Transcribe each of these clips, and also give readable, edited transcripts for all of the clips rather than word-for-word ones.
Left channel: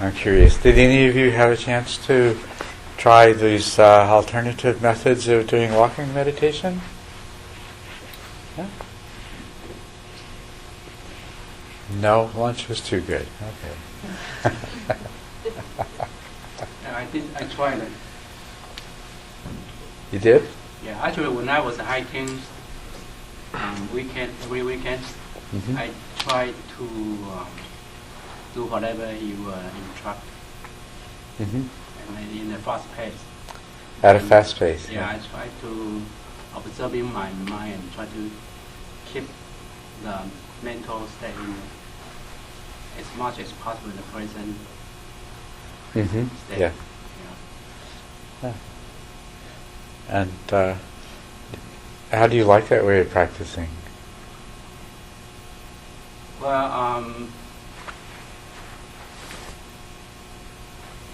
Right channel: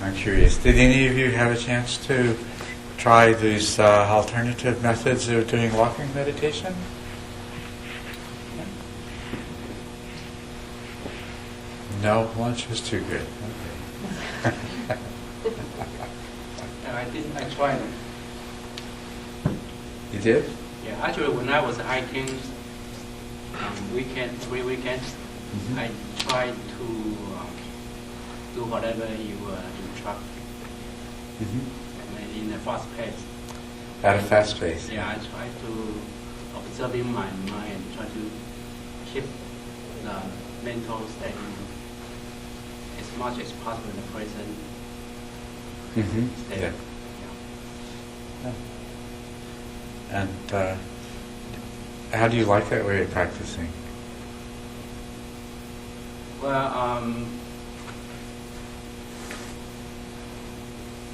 I'm curious. Did any of you have a chance to try these alternative methods of doing walking meditation? Yeah? No, lunch was too good. Okay. I tried it. You did? Yeah, actually, when I was hiking every weekend, Mm-hmm. I tried to do whatever you instruct, Mm-hmm. and in a fast pace. At a fast pace. Yeah, I try to observing my mind and try to keep the mental state as much as possible in the present Mm-hmm. state. Yeah. Yeah. And how do you like that way of practicing? Well,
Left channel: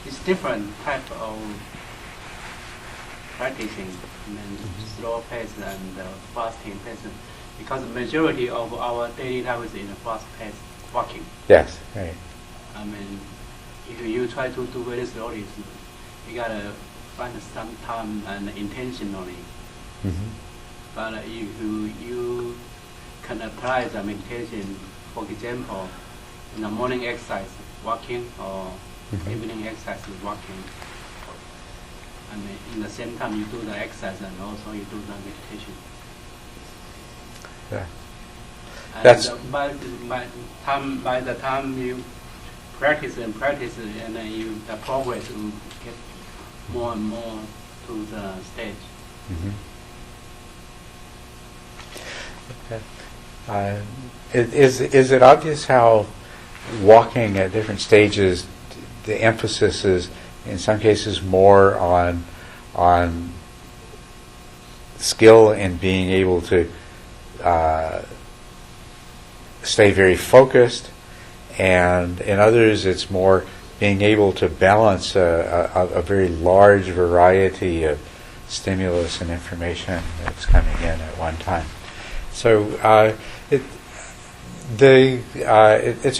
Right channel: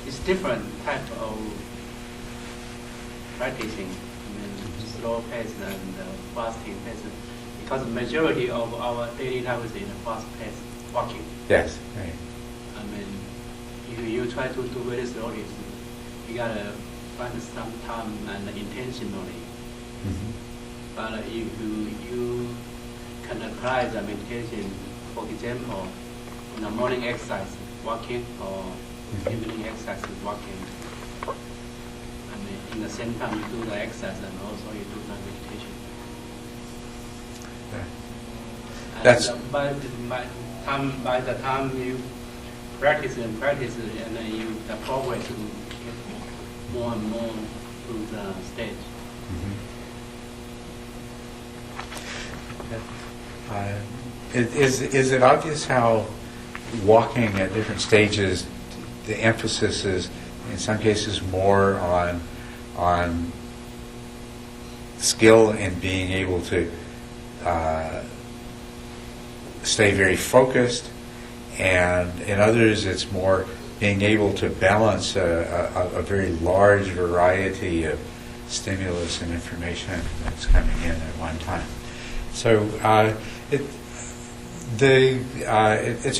it's different type of practicing. I mean, slow pace and fasting pace, because the majority of our daily life is in a fast pace walking. Yes. Right. I mean, if you try to do very slowly, you gotta find some time and intentionally. Mm-hmm. But if you can apply the meditation, for example, in the morning exercise, walking, or evening exercise, walking, and in the same time you do the exercise and also you do the meditation. Yeah. And That's by the time you practice, and then the progress will get more and more to the stage. Mm-hmm. Is it obvious how walking at different stages, the emphasis is in some cases more on skill in being able to stay very focused, and in others it's more being able to balance a very large variety of stimulus and information that's coming in at one time. So it's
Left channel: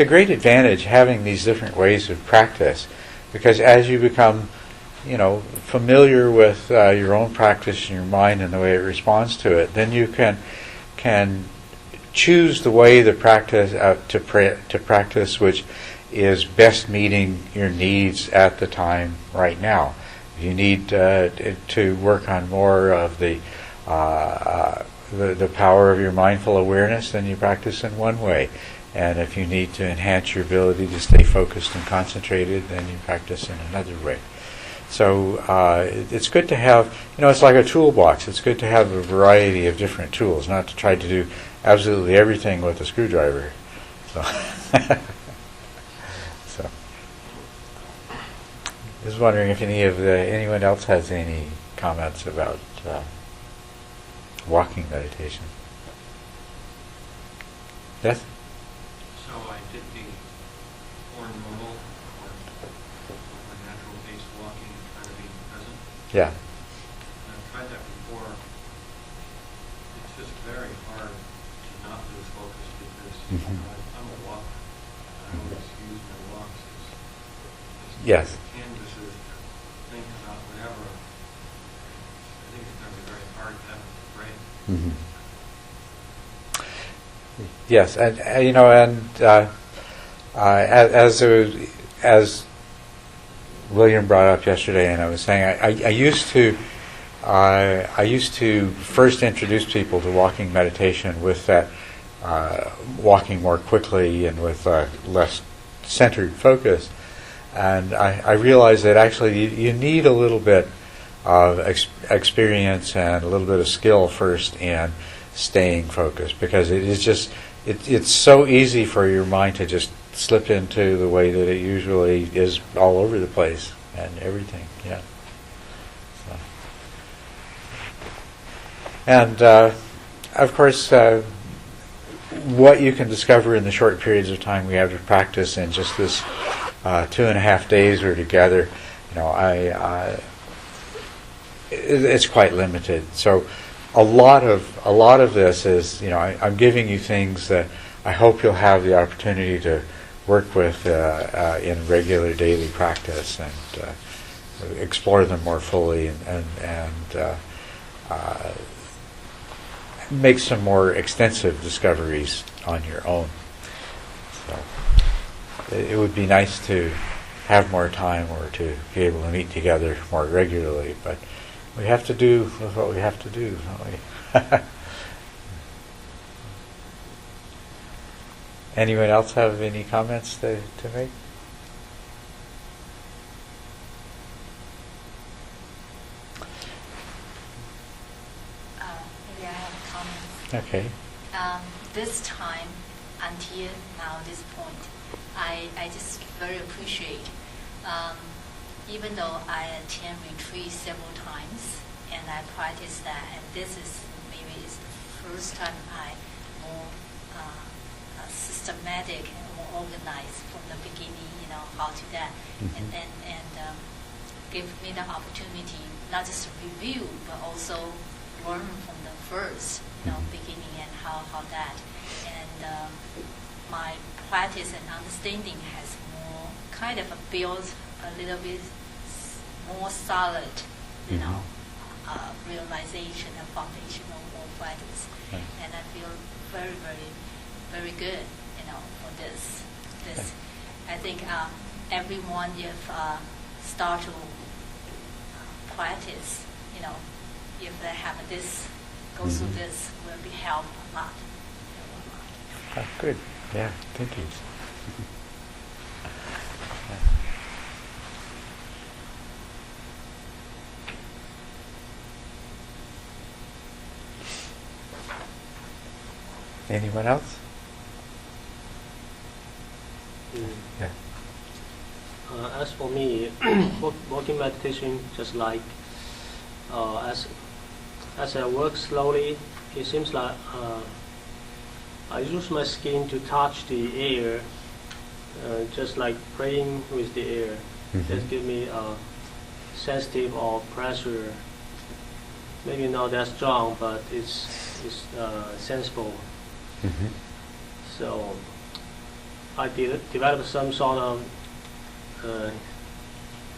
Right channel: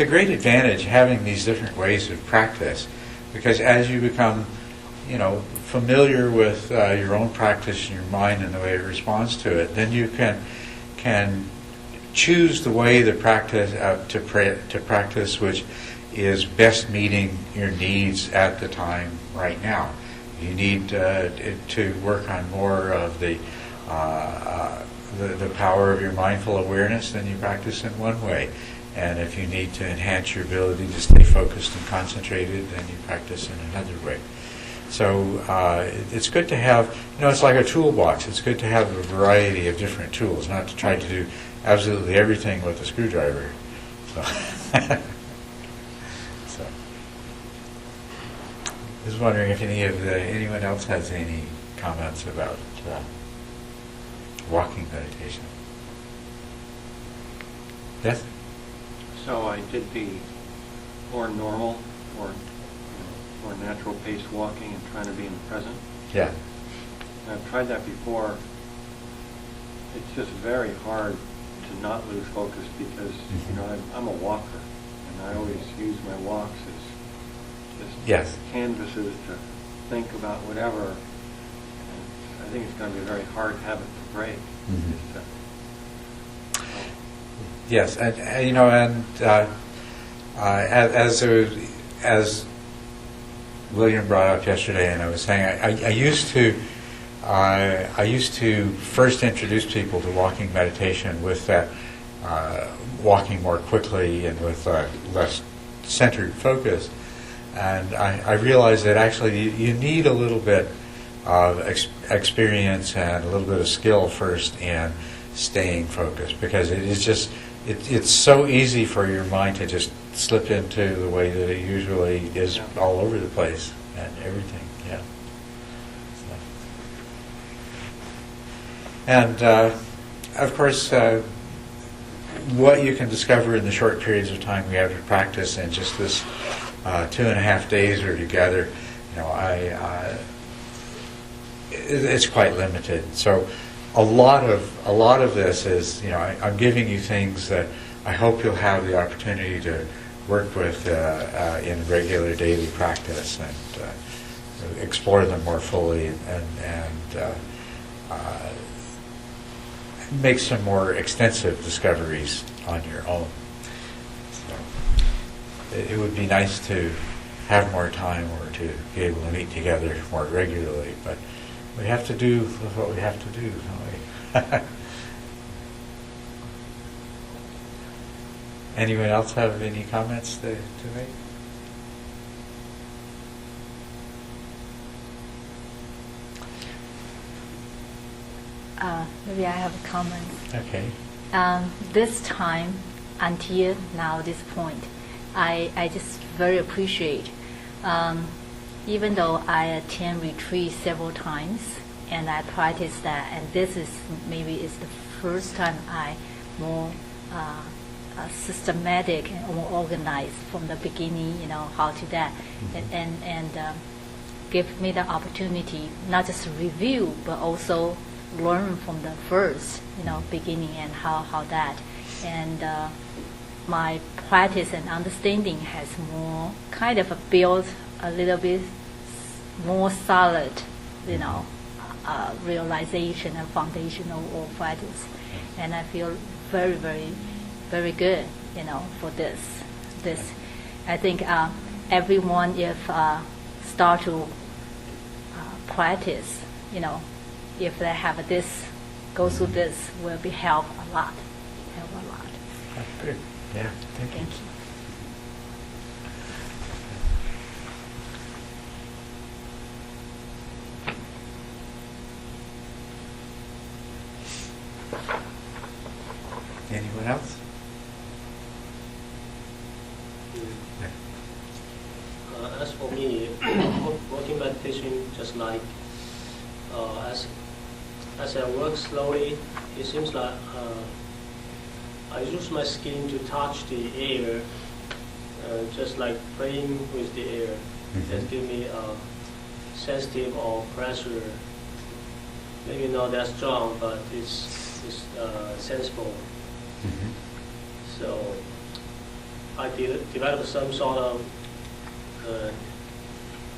a great advantage having these different ways of practice, because as you become, familiar with your own practice and your mind and the way it responds to it, then you can choose the way to practice which is best meeting your needs at the time right now. If you need to work on more of the power of your mindful awareness, then you practice in one way. And if you need to enhance your ability to stay focused and concentrated, then you practice in another way. So it's good to have, it's like a toolbox. It's good to have a variety of different tools, not to try to do absolutely everything with a screwdriver. So, so I was wondering if anyone else has any comments about walking meditation. Yes? So I did the more normal or more natural paced walking and trying to be in the present. Yeah. I've tried that before. It's just very hard to not lose focus because I'm a walker, and I always use my walks as just canvases to think about whatever. And I think it's going to be a very hard habit to break. Mm-hmm. Yes, as William brought up yesterday, and I was saying, I used to first introduce people to walking meditation with that walking more quickly and with less centered focus, and I realized that actually you need a little bit of experience and a little bit of skill first in staying focused, because it's so easy for your mind to just slip into the way that it usually is all over the place and everything. Yeah. So. And of course, what you can discover in the short periods of time we have to practice in just this 2.5 days we're together, it's quite limited. So a lot of this is, I'm giving you things that I hope you'll have the opportunity to work with in regular daily practice and explore them more fully and make some more extensive discoveries on your own. So it would be nice to have more time or to be able to meet together more regularly, but we have to do what we have to do, don't we? Anyone else have any comments to make? Maybe I have a comment. Okay. This time, until now, this point, I just very appreciate, even though I attend retreat several times and I practice that, and this is maybe is the first time I more systematic and more organized from the beginning, how to that, and give me the opportunity not just review but also learn from the first, beginning and how that, and my practice and understanding has more kind of built a little bit more solid, realization and foundational or practice, and I feel very, very, very good, for this. I think everyone, if start to practice, if they have this, go through this, will be help a lot. Oh, good. Yeah, thank you. Anyone else? Yeah. As for me, walking meditation, just like as I work slowly, it seems like I use my skin to touch the air, just like playing with the air. That give me a sensitive or pressure. Maybe not that strong, but it's sensible. So I developed some sort of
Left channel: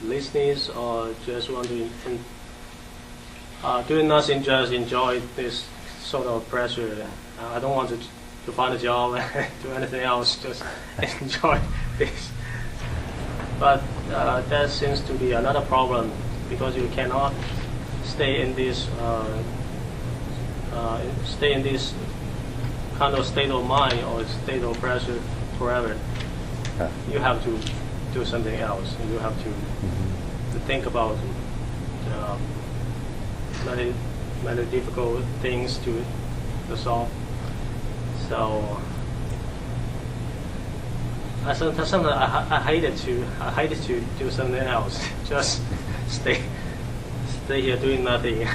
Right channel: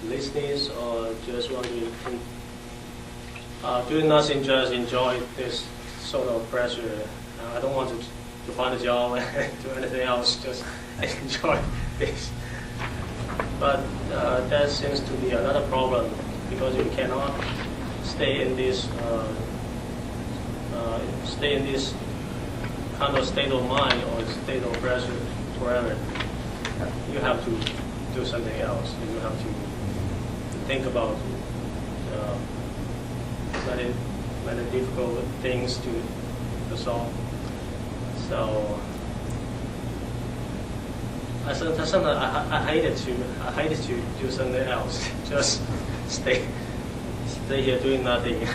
listeners, or just want to doing nothing, just enjoy this sort of pressure. I don't want to find a job and do anything else, just enjoy this. But that seems to be another problem, because you cannot stay in this kind of state of mind or state of pressure forever. You have to do something else. You have to think about many difficult things to solve. So sometimes I hated to do something else. Just stay here doing nothing.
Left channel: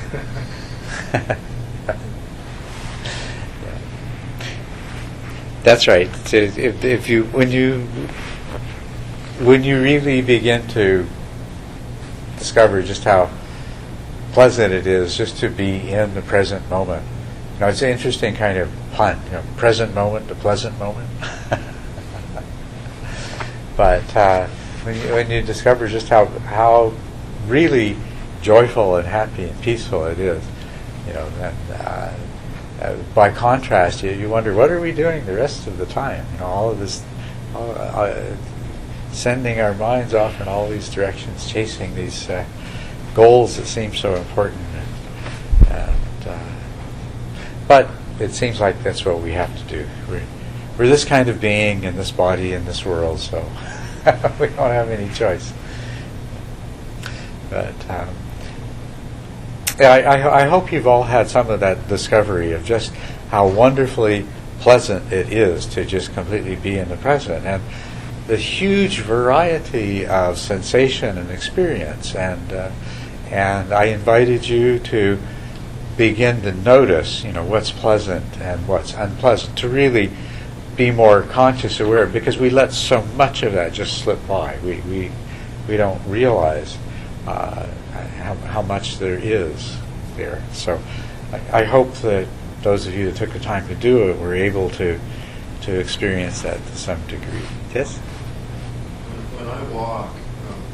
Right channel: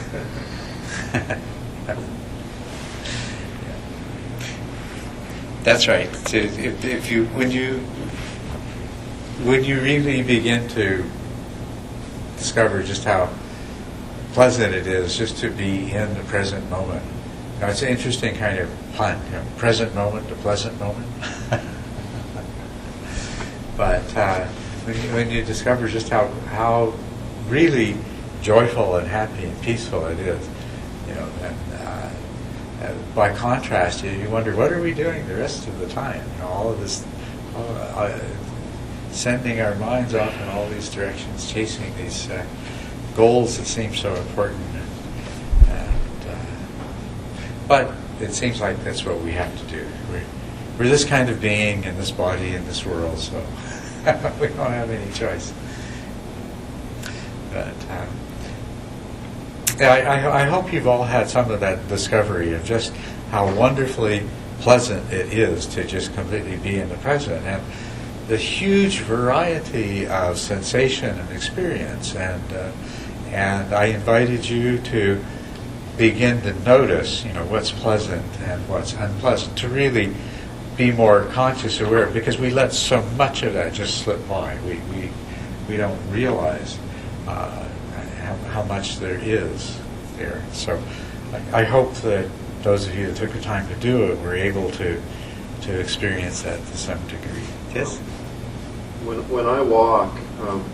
That's right. So if you when you really begin to discover just how pleasant it is just to be in the present moment, it's an interesting kind of pun. Present moment to pleasant moment. But when you discover just how really joyful and happy and peaceful it is, then. By contrast, you wonder, what are we doing the rest of the time? All of this, sending our minds off in all these directions, chasing these goals that seem so important. But it seems like that's what we have to do. We're this kind of being in this body, in this world, so we don't have any choice. But I hope you've all had some of that discovery of just how wonderfully pleasant it is to just completely be in the present, and the huge variety of sensation and experience. And I invited you to begin to notice, what's pleasant and what's unpleasant, to really be more conscious, aware, because we let so much of that just slip by. We don't realize how much there is there. So I hope that those of you that took the time to do it were able to to experience that to some degree. Yes? When I walk,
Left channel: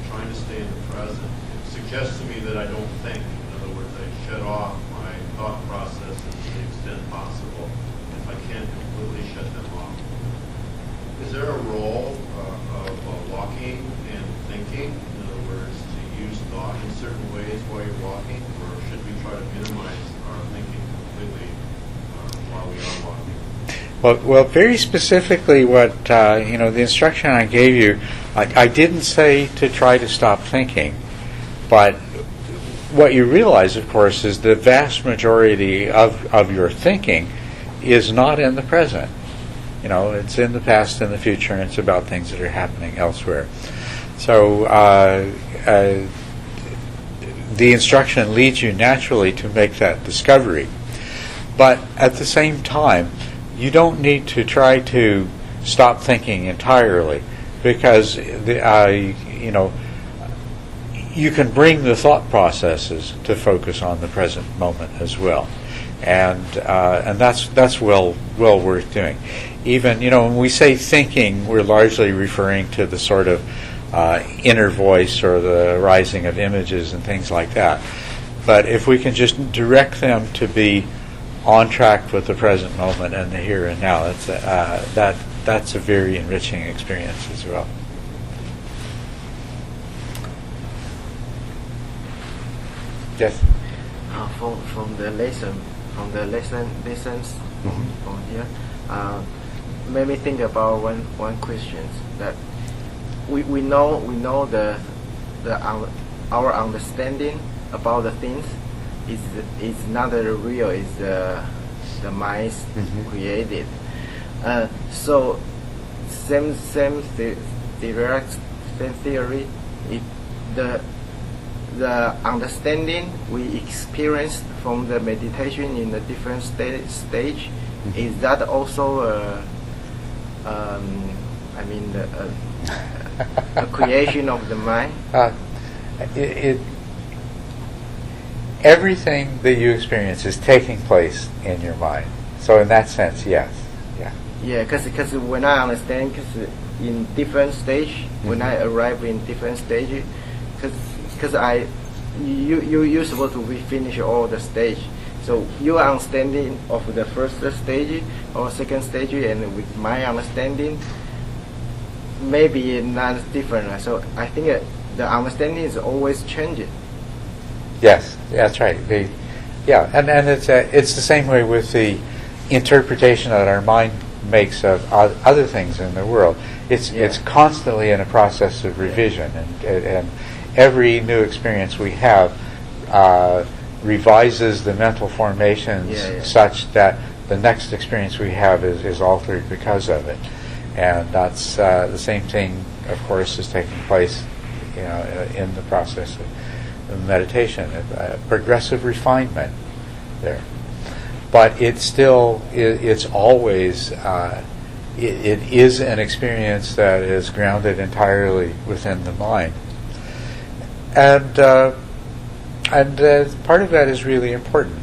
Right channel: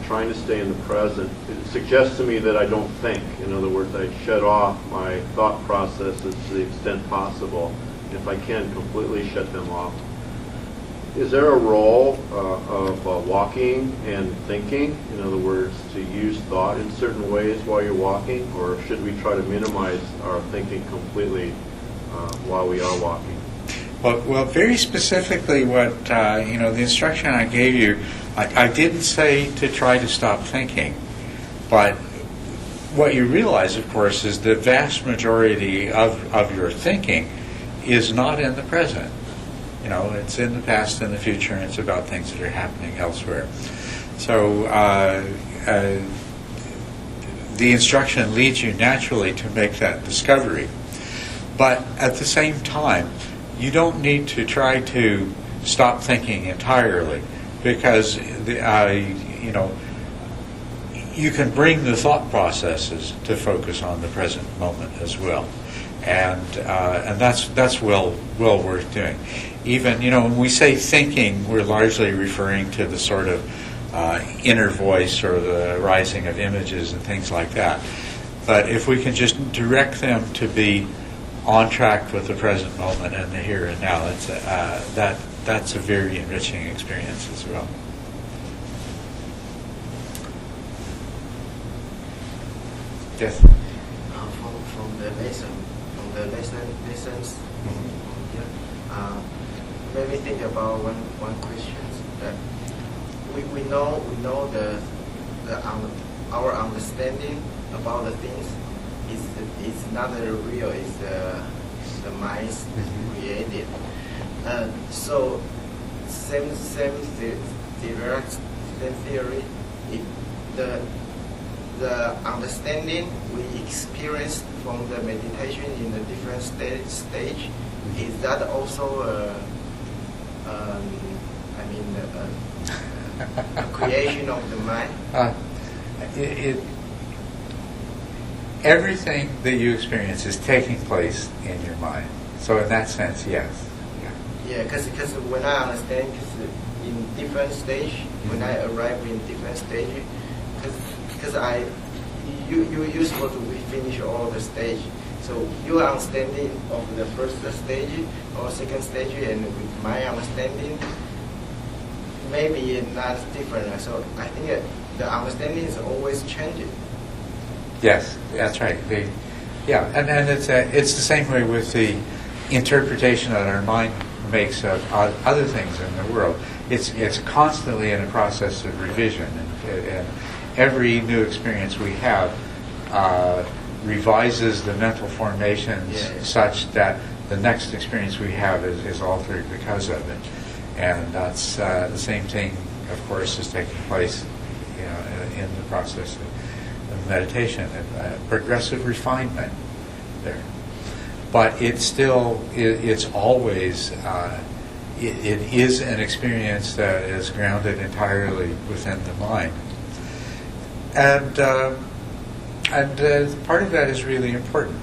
trying to stay in the present, it suggests to me that I don't think. In other words, I shut off my thought processes to the extent possible, if I can completely shut them off. Is there a role of walking and thinking? In other words, to use thought in certain ways while you're walking, or should we try to minimize our thinking completely while we are walking? Well, very specifically, what the instruction I gave you, I didn't say to try to stop thinking, but what you realize, of course, is the vast majority of your thinking is not in the present. It's in the past and the future, and it's about things that are happening elsewhere. So the instruction leads you naturally to make that discovery. But at the same time, you don't need to try to stop thinking entirely, because you can bring the thought processes to focus on the present moment as well. And that's well worth doing. Even when we say thinking, we're largely referring to the sort of inner voice or the rising of images and things like that. But if we can just direct them to be on track with the present moment and the here and now, that's a very enriching experience as well. Yes. From the lessons from here, made me think about one question that we know our understanding about the things is not real. It's the mind created. So same theory. The understanding we experience from the meditation in the different stage, is that also a creation of the mind? Everything that you experience is taking place in your mind. So in that sense, yes. Yeah, because when I understand, in different stage, when I arrive in different stage, because you're supposed to finish all the stage. So your understanding of the first stage or second stage, and with my understanding, maybe not different. So I think the understanding is always changing. Yes, that's right. And it's the same way with the interpretation that our mind makes of other things in the world. It's constantly in a process of revision, and every new experience we have revises the mental formations such that the next experience we have is altered because of it. And that's the same thing, of course, is taking place in the process of meditation, progressive refinement there. But it's always it is an experience that is grounded entirely within the mind. And part of that is really important.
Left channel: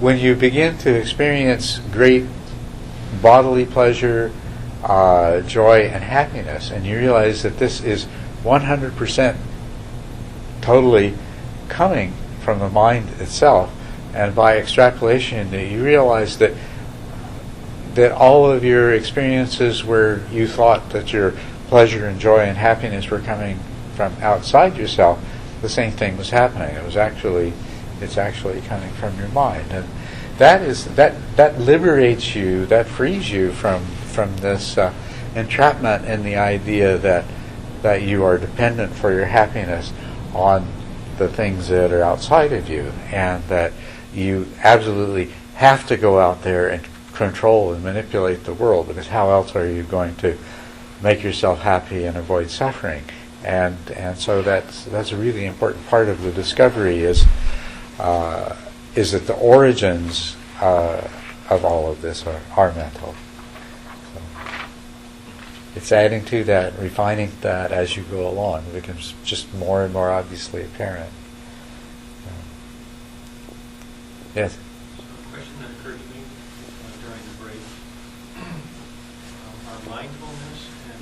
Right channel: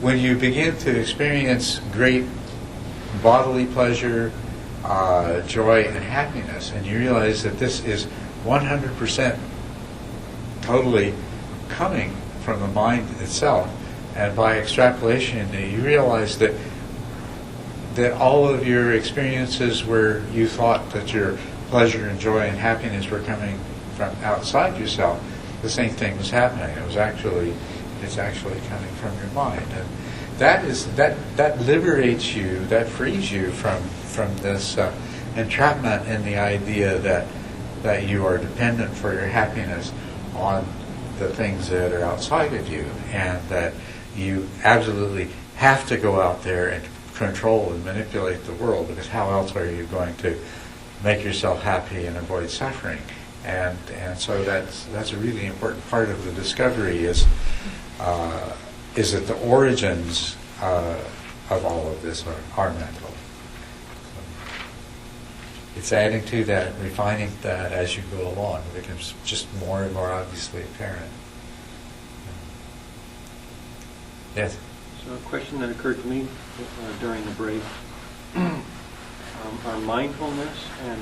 When you begin to experience great bodily pleasure, joy, and happiness, and you realize that this is 100% totally coming from the mind itself, and by extrapolation, you realize that all of your experiences where you thought that your pleasure and joy and happiness were coming from outside yourself, the same thing was happening. It's actually coming from your mind, and that liberates you, that frees you from this entrapment in the idea that you are dependent for your happiness on the things that are outside of you, and that you absolutely have to go out there and control and manipulate the world, because how else are you going to make yourself happy and avoid suffering? And so that's a really important part of the discovery is that the origins of all of this are mental. So it's adding to that, refining that as you go along. It becomes just more and more obviously apparent. Yes? So a question that occurred to me during the break are mindfulness and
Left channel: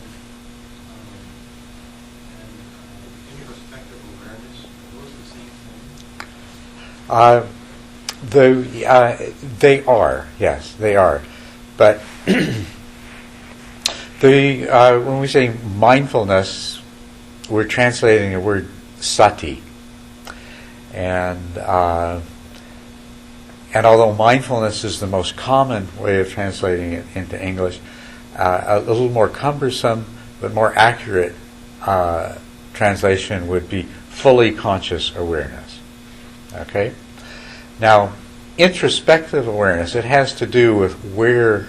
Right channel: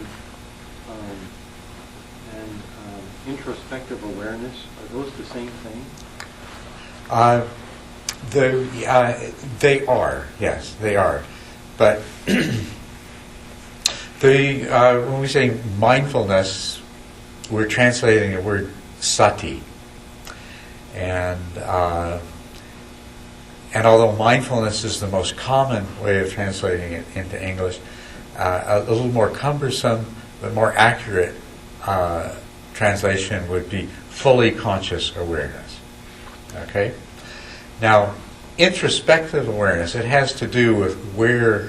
introspective awareness, are those the same thing? They are, yes, they are. But when we say mindfulness, we're translating the word sati. And although mindfulness is the most common way of translating it into English, a little more cumbersome but more accurate translation would be fully conscious awareness. Okay? Now, introspective awareness, it has to do with where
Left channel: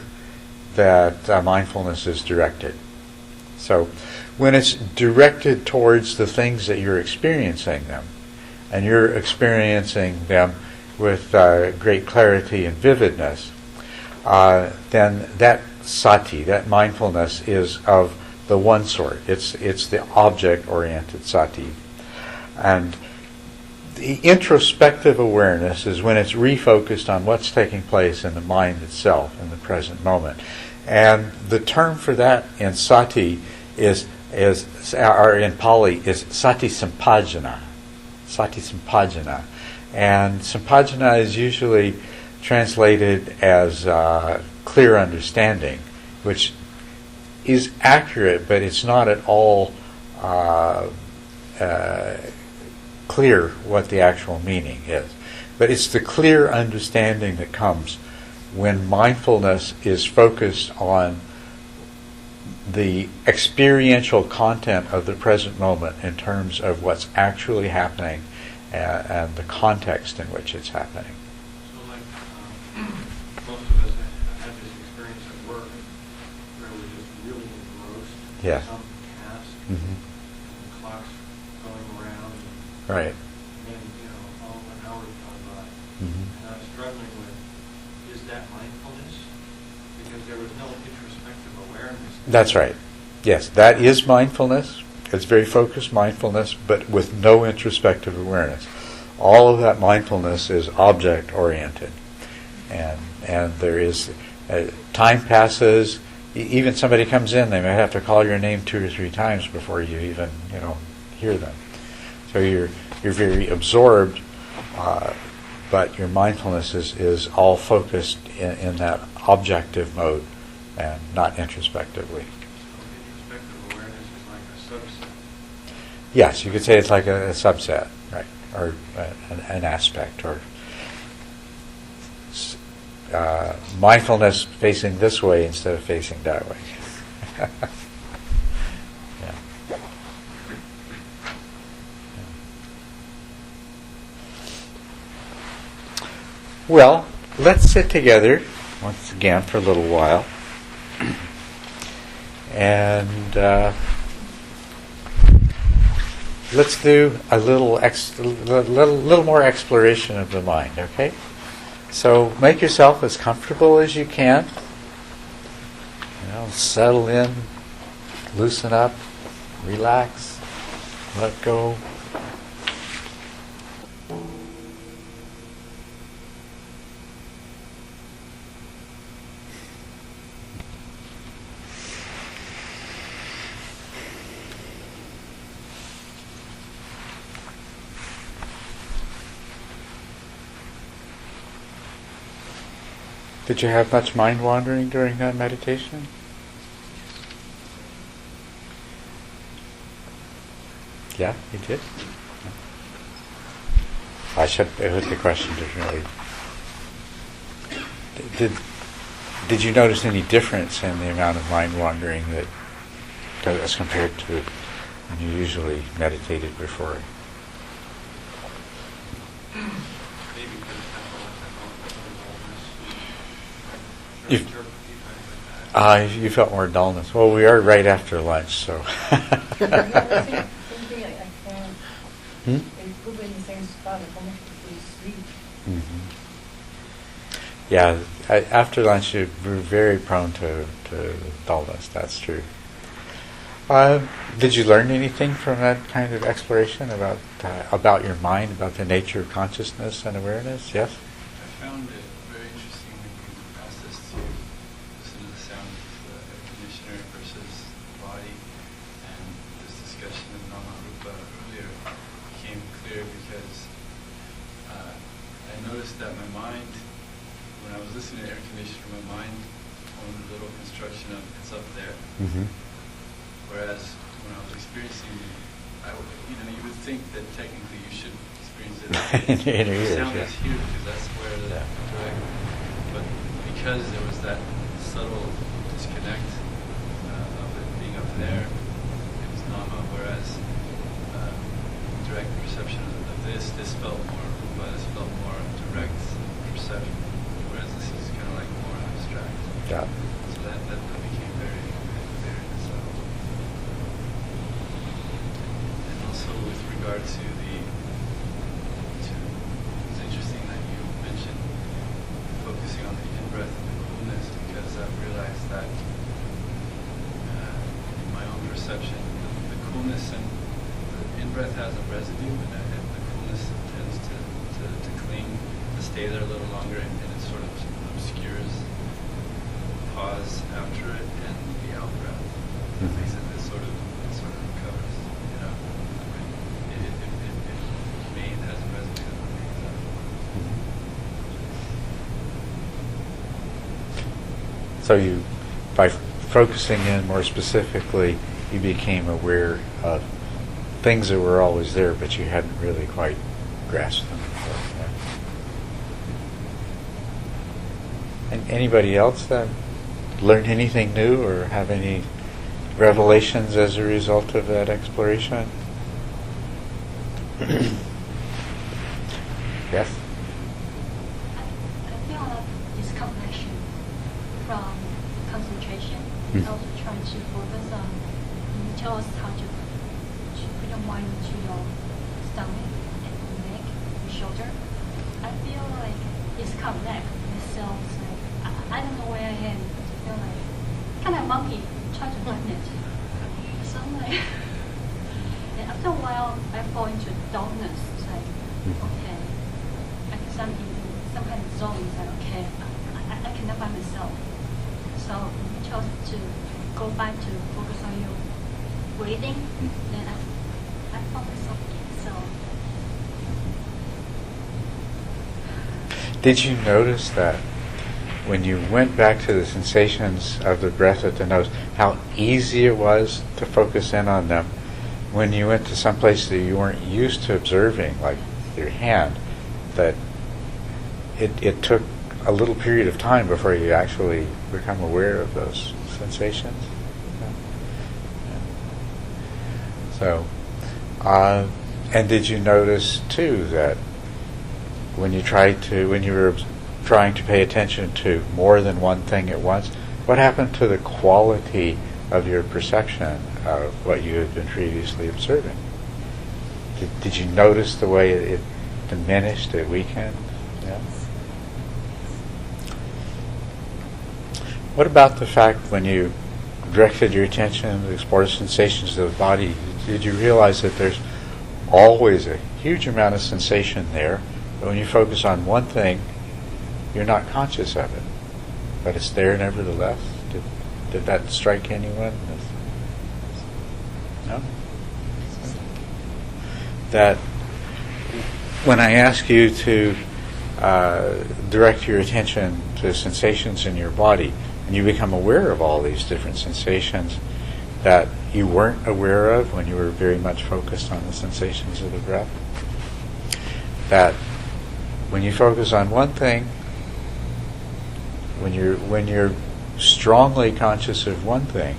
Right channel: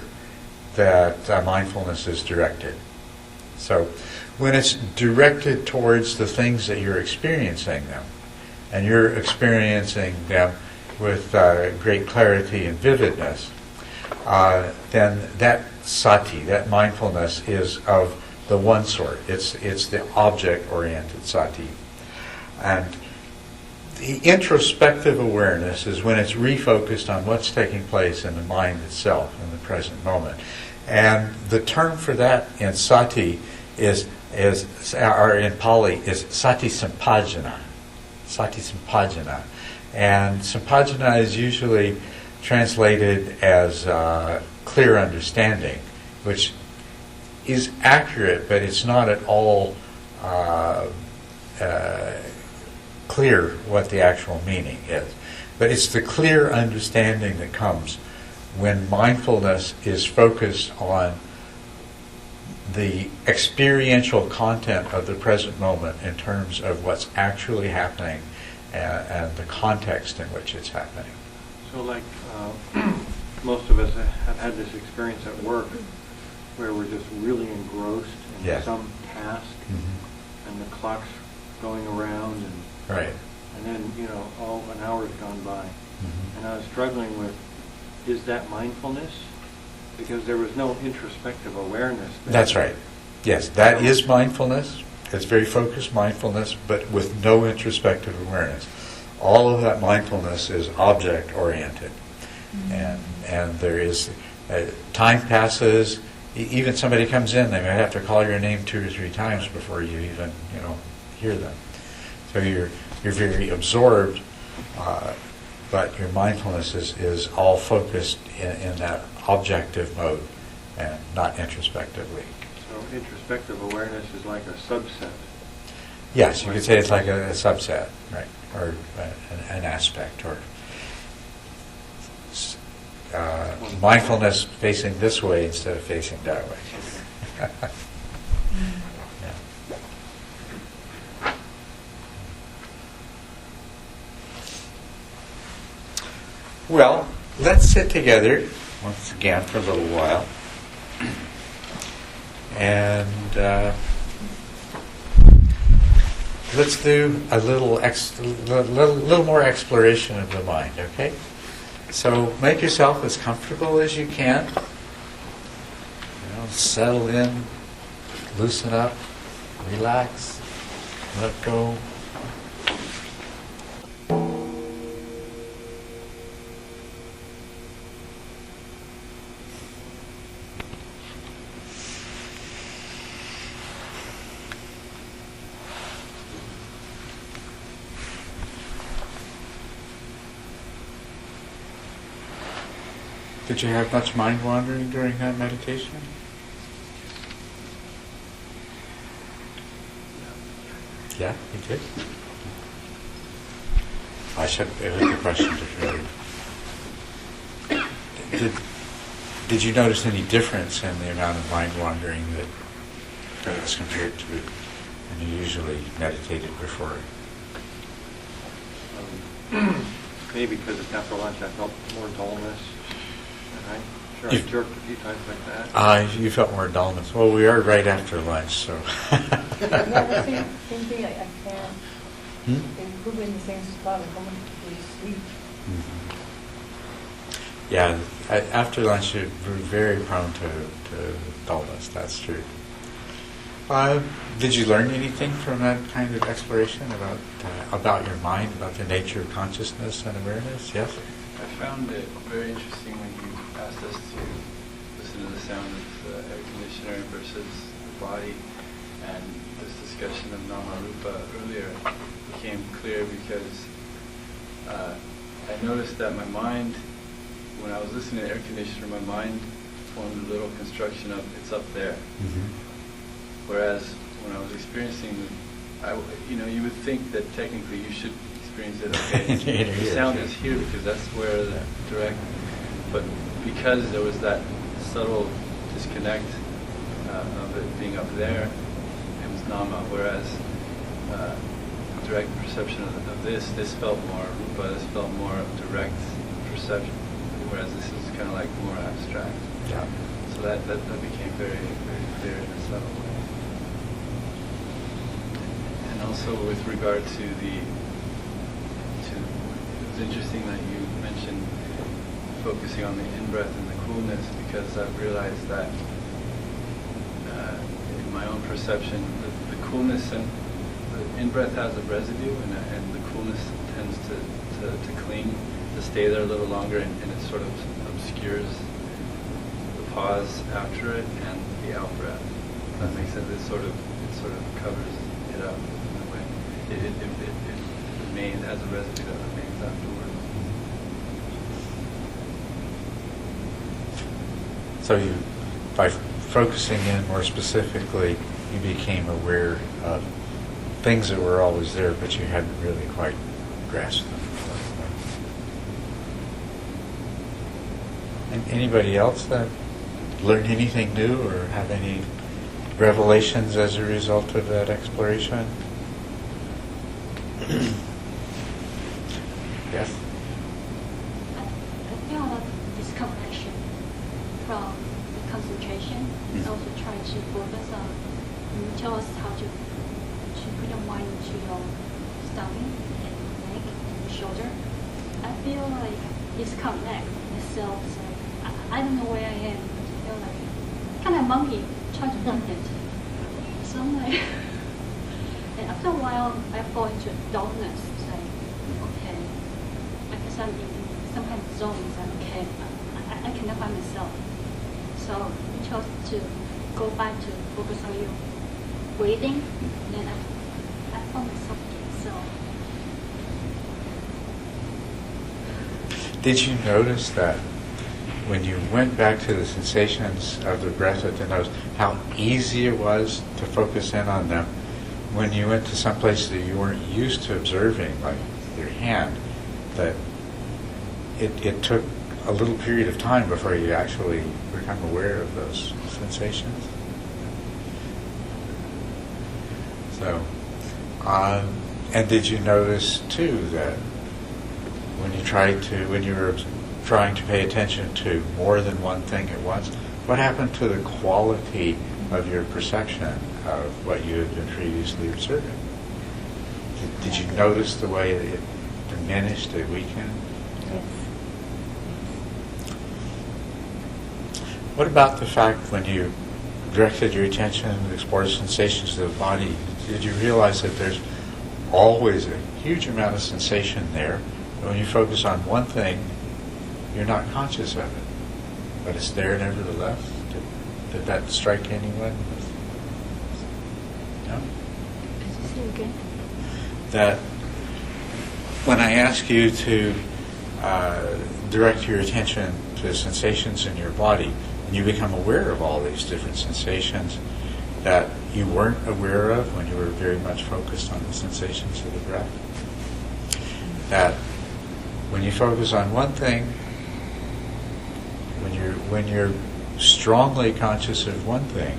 that mindfulness is directed. So, when it's directed towards the things that you're experiencing them, and you're experiencing them with great clarity and vividness, then that sati, that mindfulness, is of the one sort. It's the object-oriented sati. And the introspective awareness is when it's refocused on what's taking place in the mind itself in the present moment. And the term for that in sati or in Pali is sati sampajana. Sati sampajana. And sampajana is usually translated as clear understanding, which is accurate, but it's not at all clear what the actual meaning is. But it's the clear understanding that comes when mindfulness is focused on the experiential content of the present moment in terms of what's actually happening and the context in which it's happening. So like most of us have had this experience at work where we're just really engrossed in Yes. some task, and the clock's going around, and Right. then an hour's gone by, and I was struggling with, is that mindfulness? Because there was no introspective awareness. That's right. Yes, that is mindfulness. It's very focused mindfulness, but with no introspective awareness. All of that mindfulness is object-oriented. And there is, time passes, even somebody comes in, they may have to call your name 2 or 3 times before you even, hear them. So you're very absorbed, but your mindfulness is all focused in that objective mode and not introspectively. So introspective awareness is like a subset. Yes, you could say it's like a subset, right, or an aspect, or mindfulness facing this way instead of facing that way. Yeah. Well, let's sit together once again for a little while, and let's do a little more exploration of the mind. Okay, so make yourself as comfortable as you can. Settle in, loosen up, relax, let go. Did you have much mind wandering during that meditation? Yeah, you did? I should put the question differently. Did you notice any difference in the amount of mind wandering that as compared to when you usually meditated before? Maybe because it's after lunch I felt more dullness. I jerked a few times like that. You felt more dullness. Well, we are right after lunch, so. Yeah, same thing. I can't. It's probably in the same spot. Like almost to sleep. Yeah, after lunch you're very prone to dullness. That's true. Did you learn anything from that kind of exploration about your mind, about the nature of consciousness and awareness? Yes. I found it very interesting when you asked us to listen to the sound Nama Rupa earlier became clear because I noticed that my mind, when I was listening to the air conditioner, my mind formed a little construction of it's up there. Mm-hmm. Whereas when I was experiencing, you would think that technically you should experience it. Okay, the sound is here because that's where the direct. But because there was that subtle disconnect of it being up there, it was nama. Whereas direct perception of this felt more rupa. This felt more direct perception. Whereas this is kind of like more abstract. Yeah. So that became very, very clear in a subtle way. And also with regard to it's interesting that you mentioned focusing on the in-breath and the coolness, because I've realized that in my own perception, the coolness and the in-breath has a residue, and the coolness tends to cling, to stay there a little longer, and it sort of obscures the pause after it and the out-breath. That makes sense. It sort of covers it up in that way. It has a residue that remains afterwards. So you, by focusing in more specifically, you became aware of things that were always there, but you hadn't really quite grasped them. And anybody else that learned anything new or have any revelations as a result of that exploration? Yes? I feel a disconnection from the concentration, and also trying to focus on, you tell us how to put your mind into your stomach and your neck and your shoulder. I feel like disconnect myself. It's like, I don't know where I am, but I feel like kind of monkey trying to find it. So I'm like, and after a while, I fall into darkness. It's like, okay, I guess I'm in some kind of zone. It's like, okay, I cannot find myself. So I chose to go back to focus on your breathing. Then I found myself again. So. Did you notice that when you went back to the sensations of the breath at the nose, how easy it was to focus in on them when you went to some place that you weren't used to observing, like your hand, that it took a little period of time before you actually become aware of those sensations? So, and did you notice too that when you were trying to pay attention to more than one thing at once, what happened to the quality of your perception of what you had been previously observing? Did you notice the way it diminished, it weakened? Yeah. What about the fact when you directed your attention to explore sensations of the body, did you realize that there's always a huge amount of sensation there, but when you focus on one thing, you're not conscious of it, but it's there nevertheless? Did that strike anyone? No? That when I ask you to direct your attention to sensations in your body, and you become aware of all these different sensations that you weren't aware of when you were very much focused on the sensations of the breath, that when you focus on one thing, when you're strongly conscious of one thing,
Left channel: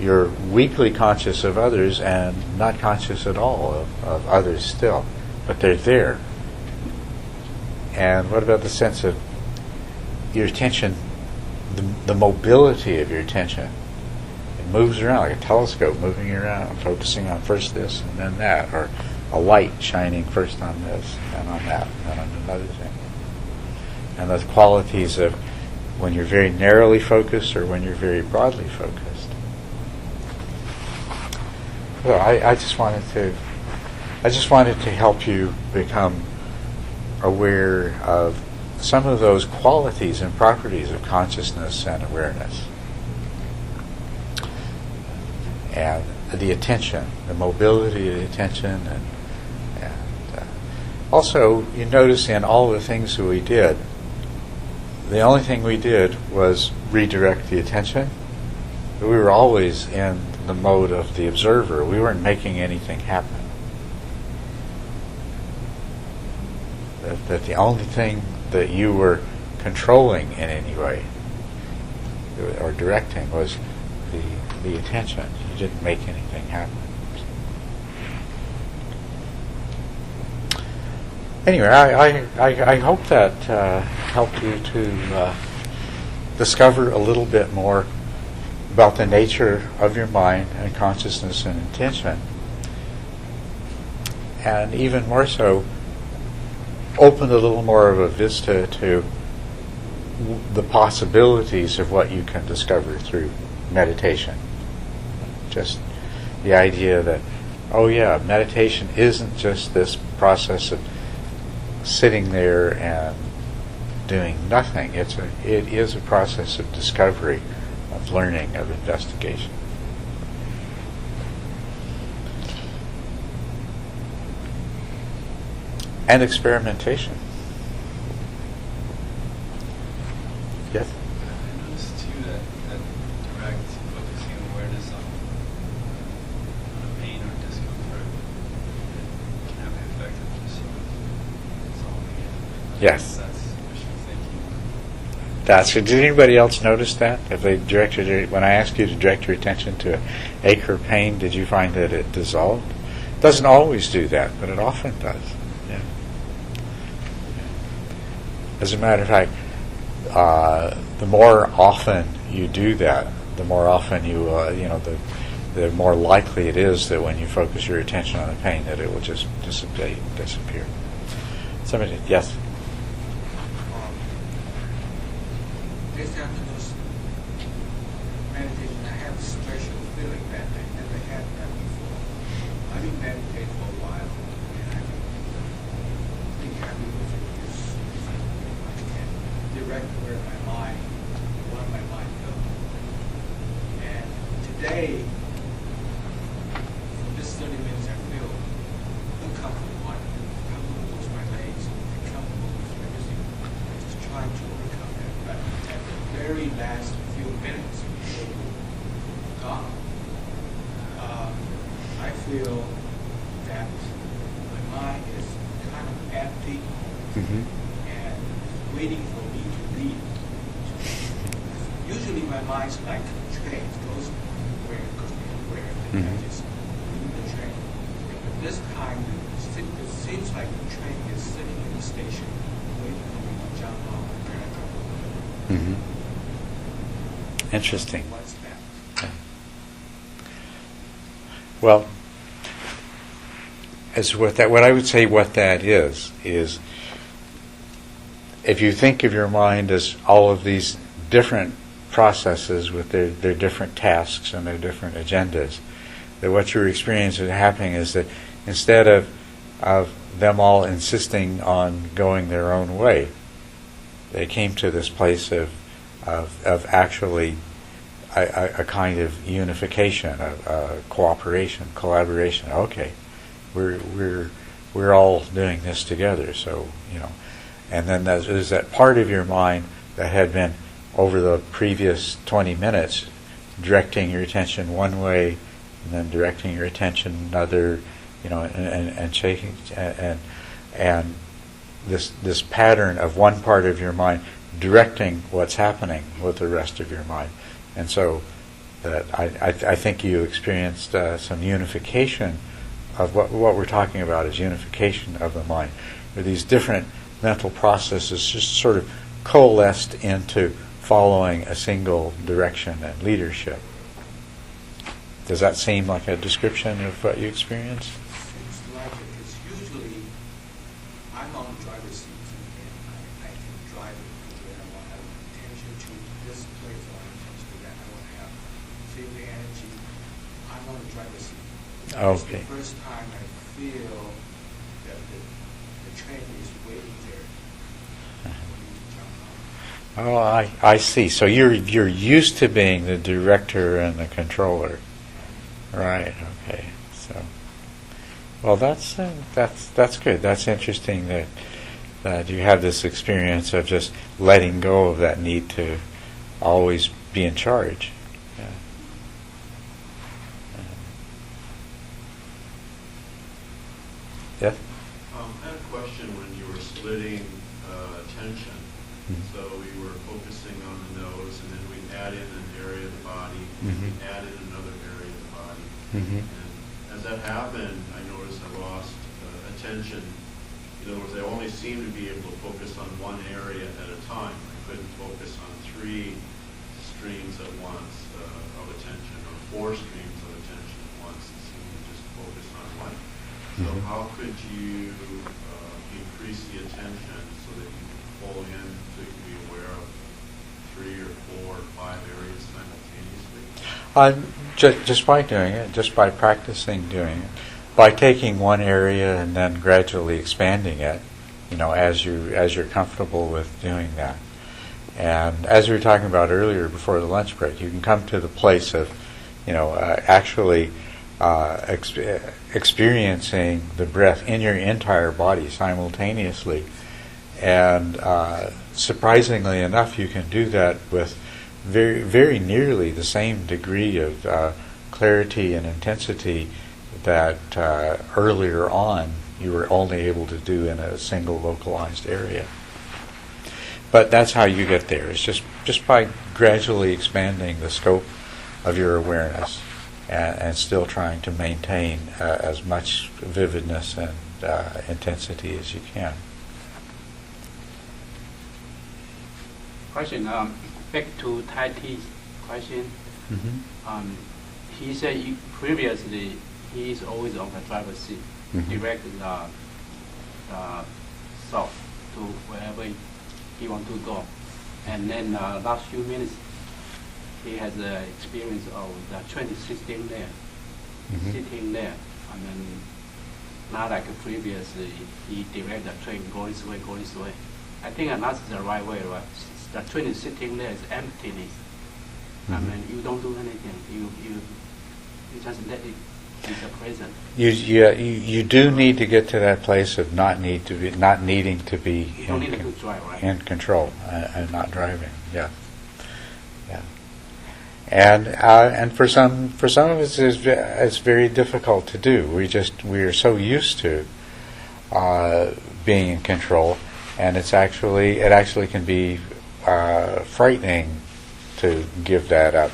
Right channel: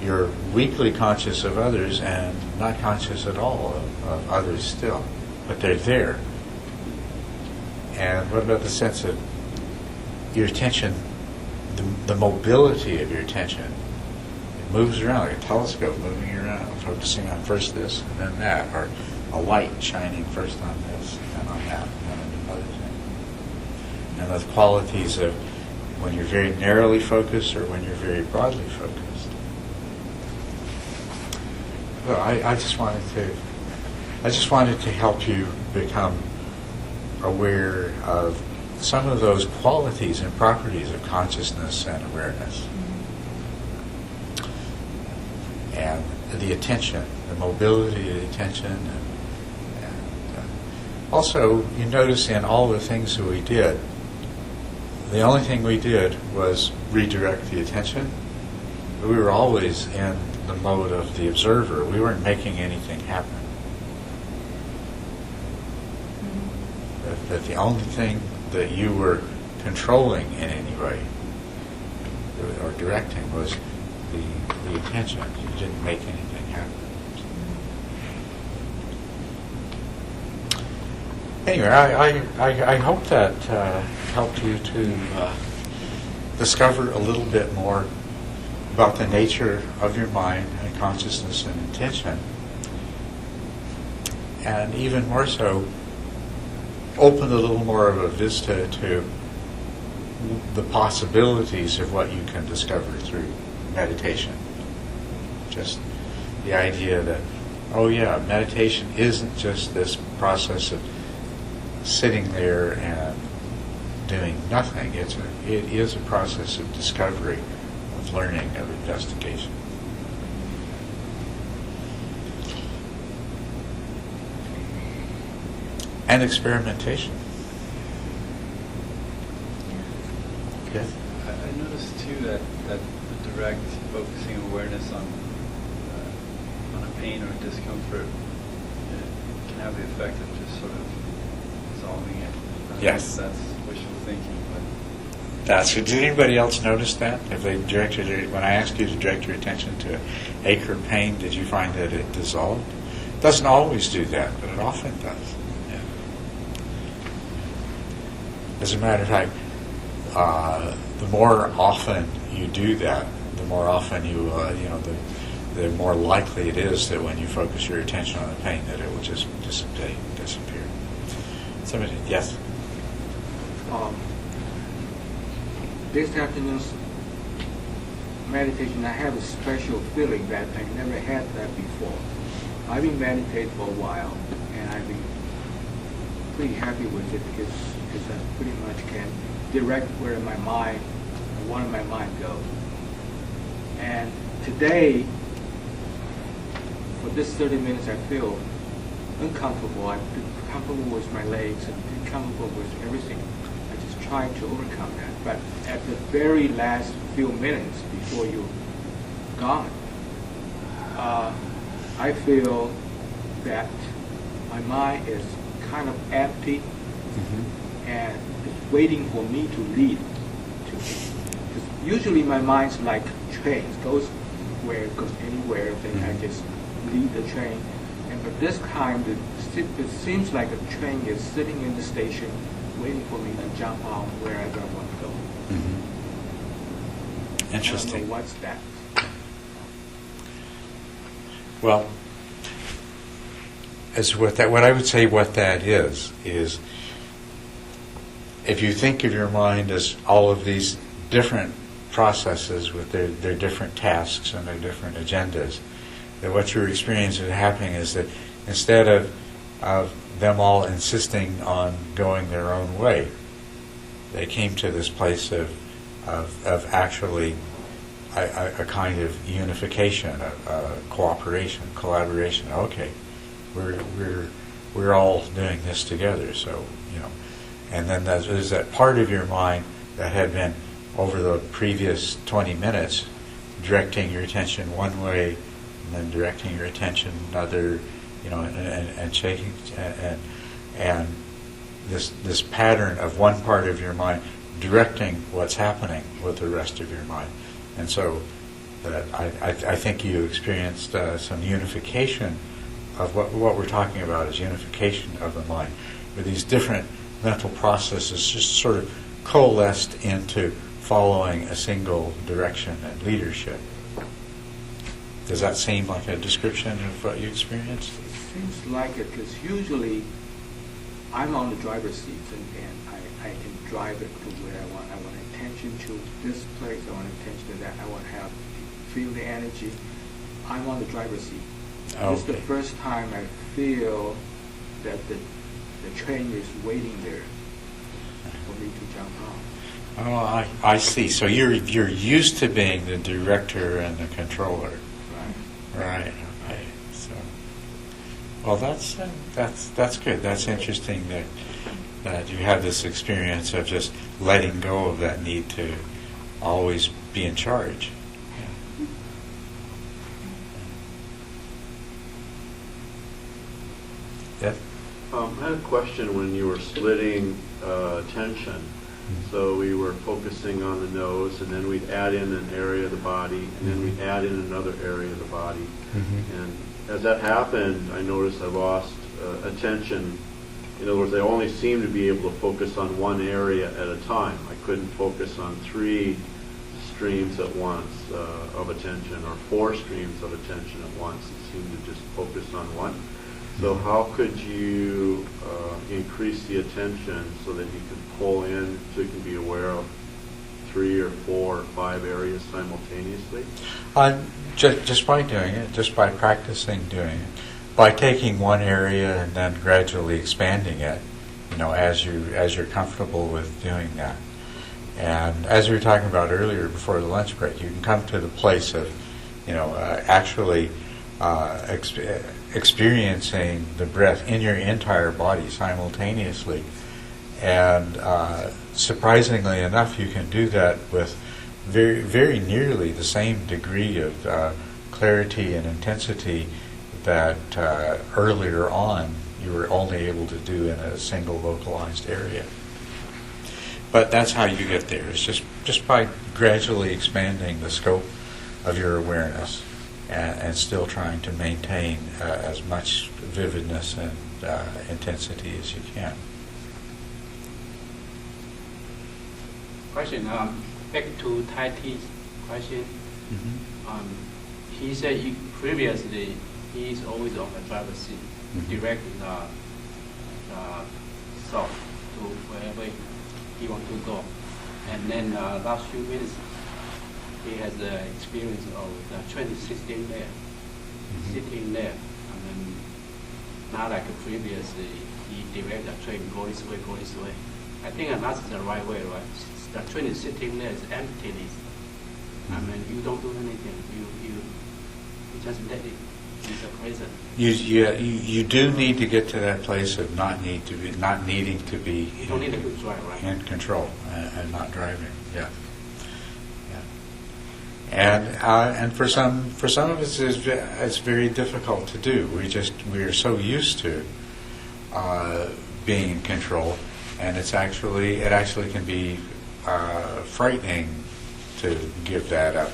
you're weakly conscious of others and not conscious at all of others still, but they're there. And what about the sense of your attention, the mobility of your attention? It moves around like a telescope moving around, focusing on first this and then that, or a light shining first on this and on that and then on another thing. And those qualities of when you're very narrowly focused or when you're very broadly focused. Well, I just wanted to help you become aware of some of those qualities and properties of consciousness and awareness. And the attention, the mobility of the attention, and also you notice in all the things that we did, the only thing we did was redirect the attention. We were always in the mode of the observer. We weren't making anything happen. That the only thing that you were controlling in any way or directing was the attention. You didn't make anything happen. Anyway, I hope that helped you to discover a little bit more about the nature of your mind and consciousness and intention, and even more so, open a little more of a vista to the possibilities of what you can discover through meditation. Just the idea that, oh yeah, meditation isn't just this process of sitting there and doing nothing. It is a process of discovery, of learning, of investigation. And experimentation. Yes? I noticed too that direct focusing of awareness on a pain or discomfort can have the effect of just sort of solving it. Yes. That's wishful thinking, but Did anybody else notice that? If they directed when I asked you to direct your attention to ache or pain, did you find that it dissolved? It doesn't always do that, but it often does. Yeah. As a matter of fact, the more often you do that, the more often the more likely it is that when you focus your attention on the pain, that it will just disappear. Somebody, yes. This afternoon's meditation, I have a special feeling that I never had that before. I've been meditating for a while, and I've been pretty happy with it because I pretty much can direct where my mind, one of my mind goes. And today, for this 30 minutes, I feel uncomfortable. I'm uncomfortable with my legs and uncomfortable with everything. I just try to overcome that. But at the very last few minutes before you're gone, I feel that my mind is kind of empty and waiting for me to lead. Usually my mind's like trains, goes anywhere, then I just lead the train. And but this time, it seems like a train is sitting in the station waiting for me to jump out where I don't want to go. Mm-hmm. Interesting. What's that? Well, what I would say what that is if you think of your mind as all of these different processes with their different tasks and their different agendas, that what you're experiencing happening is that instead of them all insisting on going their own way, they came to this place of actually a kind of unification, a cooperation, collaboration. Okay, we're all doing this together. So and then there's that part of your mind that had been over the previous 20 minutes directing your attention one way, and then directing your attention another, and shaking and this pattern of one part of your mind directing what's happening with the rest of your mind. And so that I think you experienced some unification of what we're talking about is unification of the mind, where these different mental processes just sort of coalesced into following a single direction and leadership. Does that seem like a description of what you experienced? Seems like it, because usually I'm on the driver's seat and I can drive it to where I want. I want attention to this place, I want attention to that, I want to feel the energy. I'm on the driver's seat. Okay. It's the first time I feel that the train is waiting there for me to jump off. Oh, I see. So you're used to being the director and the controller. Right. Right. Okay. So, well, that's good. That's interesting that you have this experience of just letting go of that need to always be in charge. Yeah. Yeah. I had a question when you were splitting attention. So we were focusing on the nose, and then we'd add in an area of the body, and then we'd add in another area of the body. And as that happened, I noticed I lost attention. In other words, I only seemed to be able to focus on one area at a time. I couldn't focus on 3 streams at once of attention, or 4 streams of attention at once. It seemed to just focus on one. So how could you increase the attention so that you can pull in, so you can be aware of 3 or 4 or 5 areas simultaneously? Just by doing it, just by practicing doing it, by taking one area and then gradually expanding it, as you're comfortable with doing that. And as we were talking about earlier before the lunch break, you can come to the place of, actually experiencing the breath in your entire body simultaneously. And surprisingly enough, you can do that with very, very nearly the same degree of clarity and intensity that earlier on you were only able to do in a single localized area. But that's how you get there. It's just by gradually expanding the scope of your awareness and still trying to maintain as much vividness and intensity as you can. Question, back to Tai T's question. He said previously he is always on the driver's seat, directing the south to wherever he want to go. And then last few minutes, he has the experience of the train sitting there, sitting there. And then not like previously, he direct the train, go this way, go this way. I think that's the right way, right? The train is sitting there, it's emptiness. I mean, you don't do anything. You just let it be the present. You do need to get to that place of not needing to be you don't need to drive, right? in control and not driving. Yeah. And for some of us, it's very difficult to do. We are so used to being in control, and it actually can be frightening to give that up.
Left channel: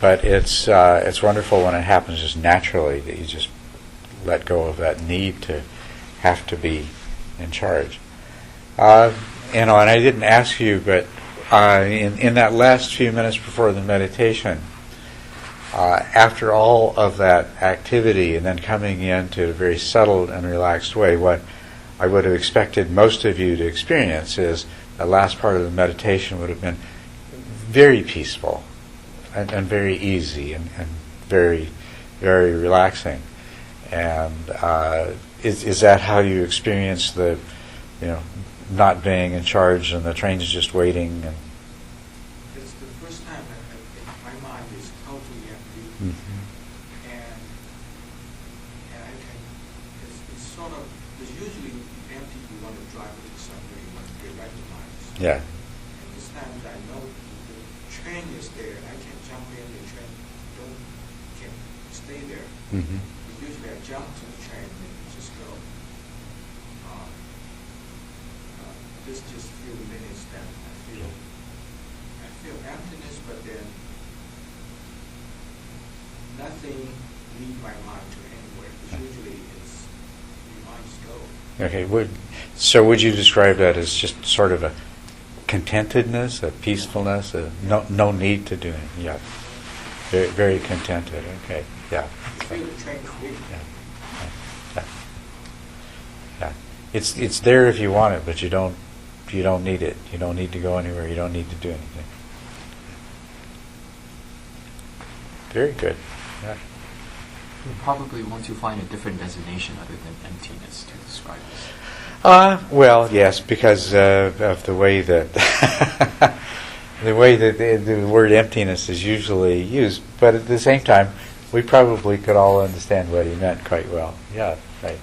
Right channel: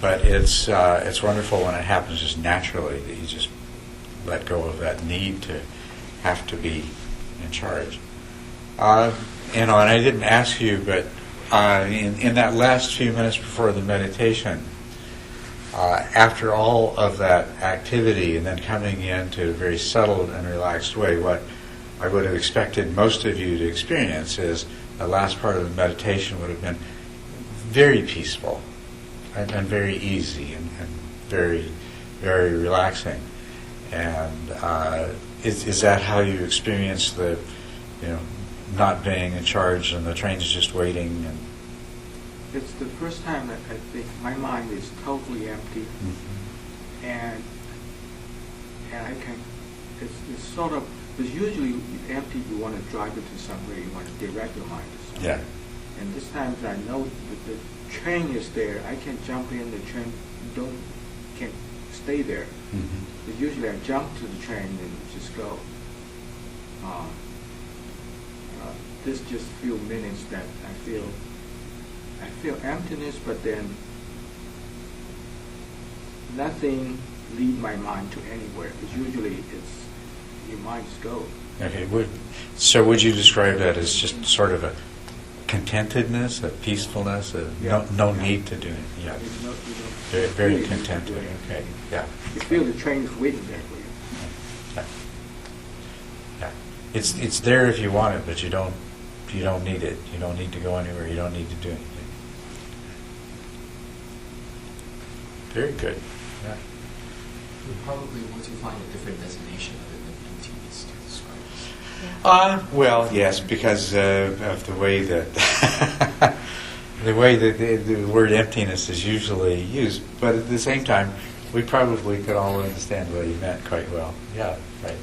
But it's wonderful when it happens just naturally, that you just let go of that need to have to be in charge. And I didn't ask you, but in that last few minutes before the meditation, after all of that activity and then coming into a very settled and relaxed way, what I would have expected most of you to experience is the last part of the meditation would have been very peaceful and very easy and very, very relaxing. And is that how you experience the, not being in charge and the train's just waiting? And it's the first time that I think my mind is totally empty, and I can. It's sort of, because usually empty, you want to drive it to somewhere, you want to direct your mind to somewhere. Yeah. And this time I know that the train is there. I can jump in the train. Can't stay there. But usually I jump to the train and just go. This just few minutes that I feel emptiness, but then nothing lead my mind to anywhere. Because usually it's your mind just go. Okay. Would you describe that as just sort of a contentedness, a peacefulness, no need to do anything? Yeah. Very, very contented. Okay. Yeah. You feel the train waiting. Yeah. It's there if you want it, but you don't need it. You don't need to go anywhere. You don't need to do anything. Very good. Yeah. Probably want to find a different designation other than emptiness to describe it. Well, yes, because of the way that the word emptiness is usually used. But at the same time, we probably could all understand what he meant quite well. Yeah, right.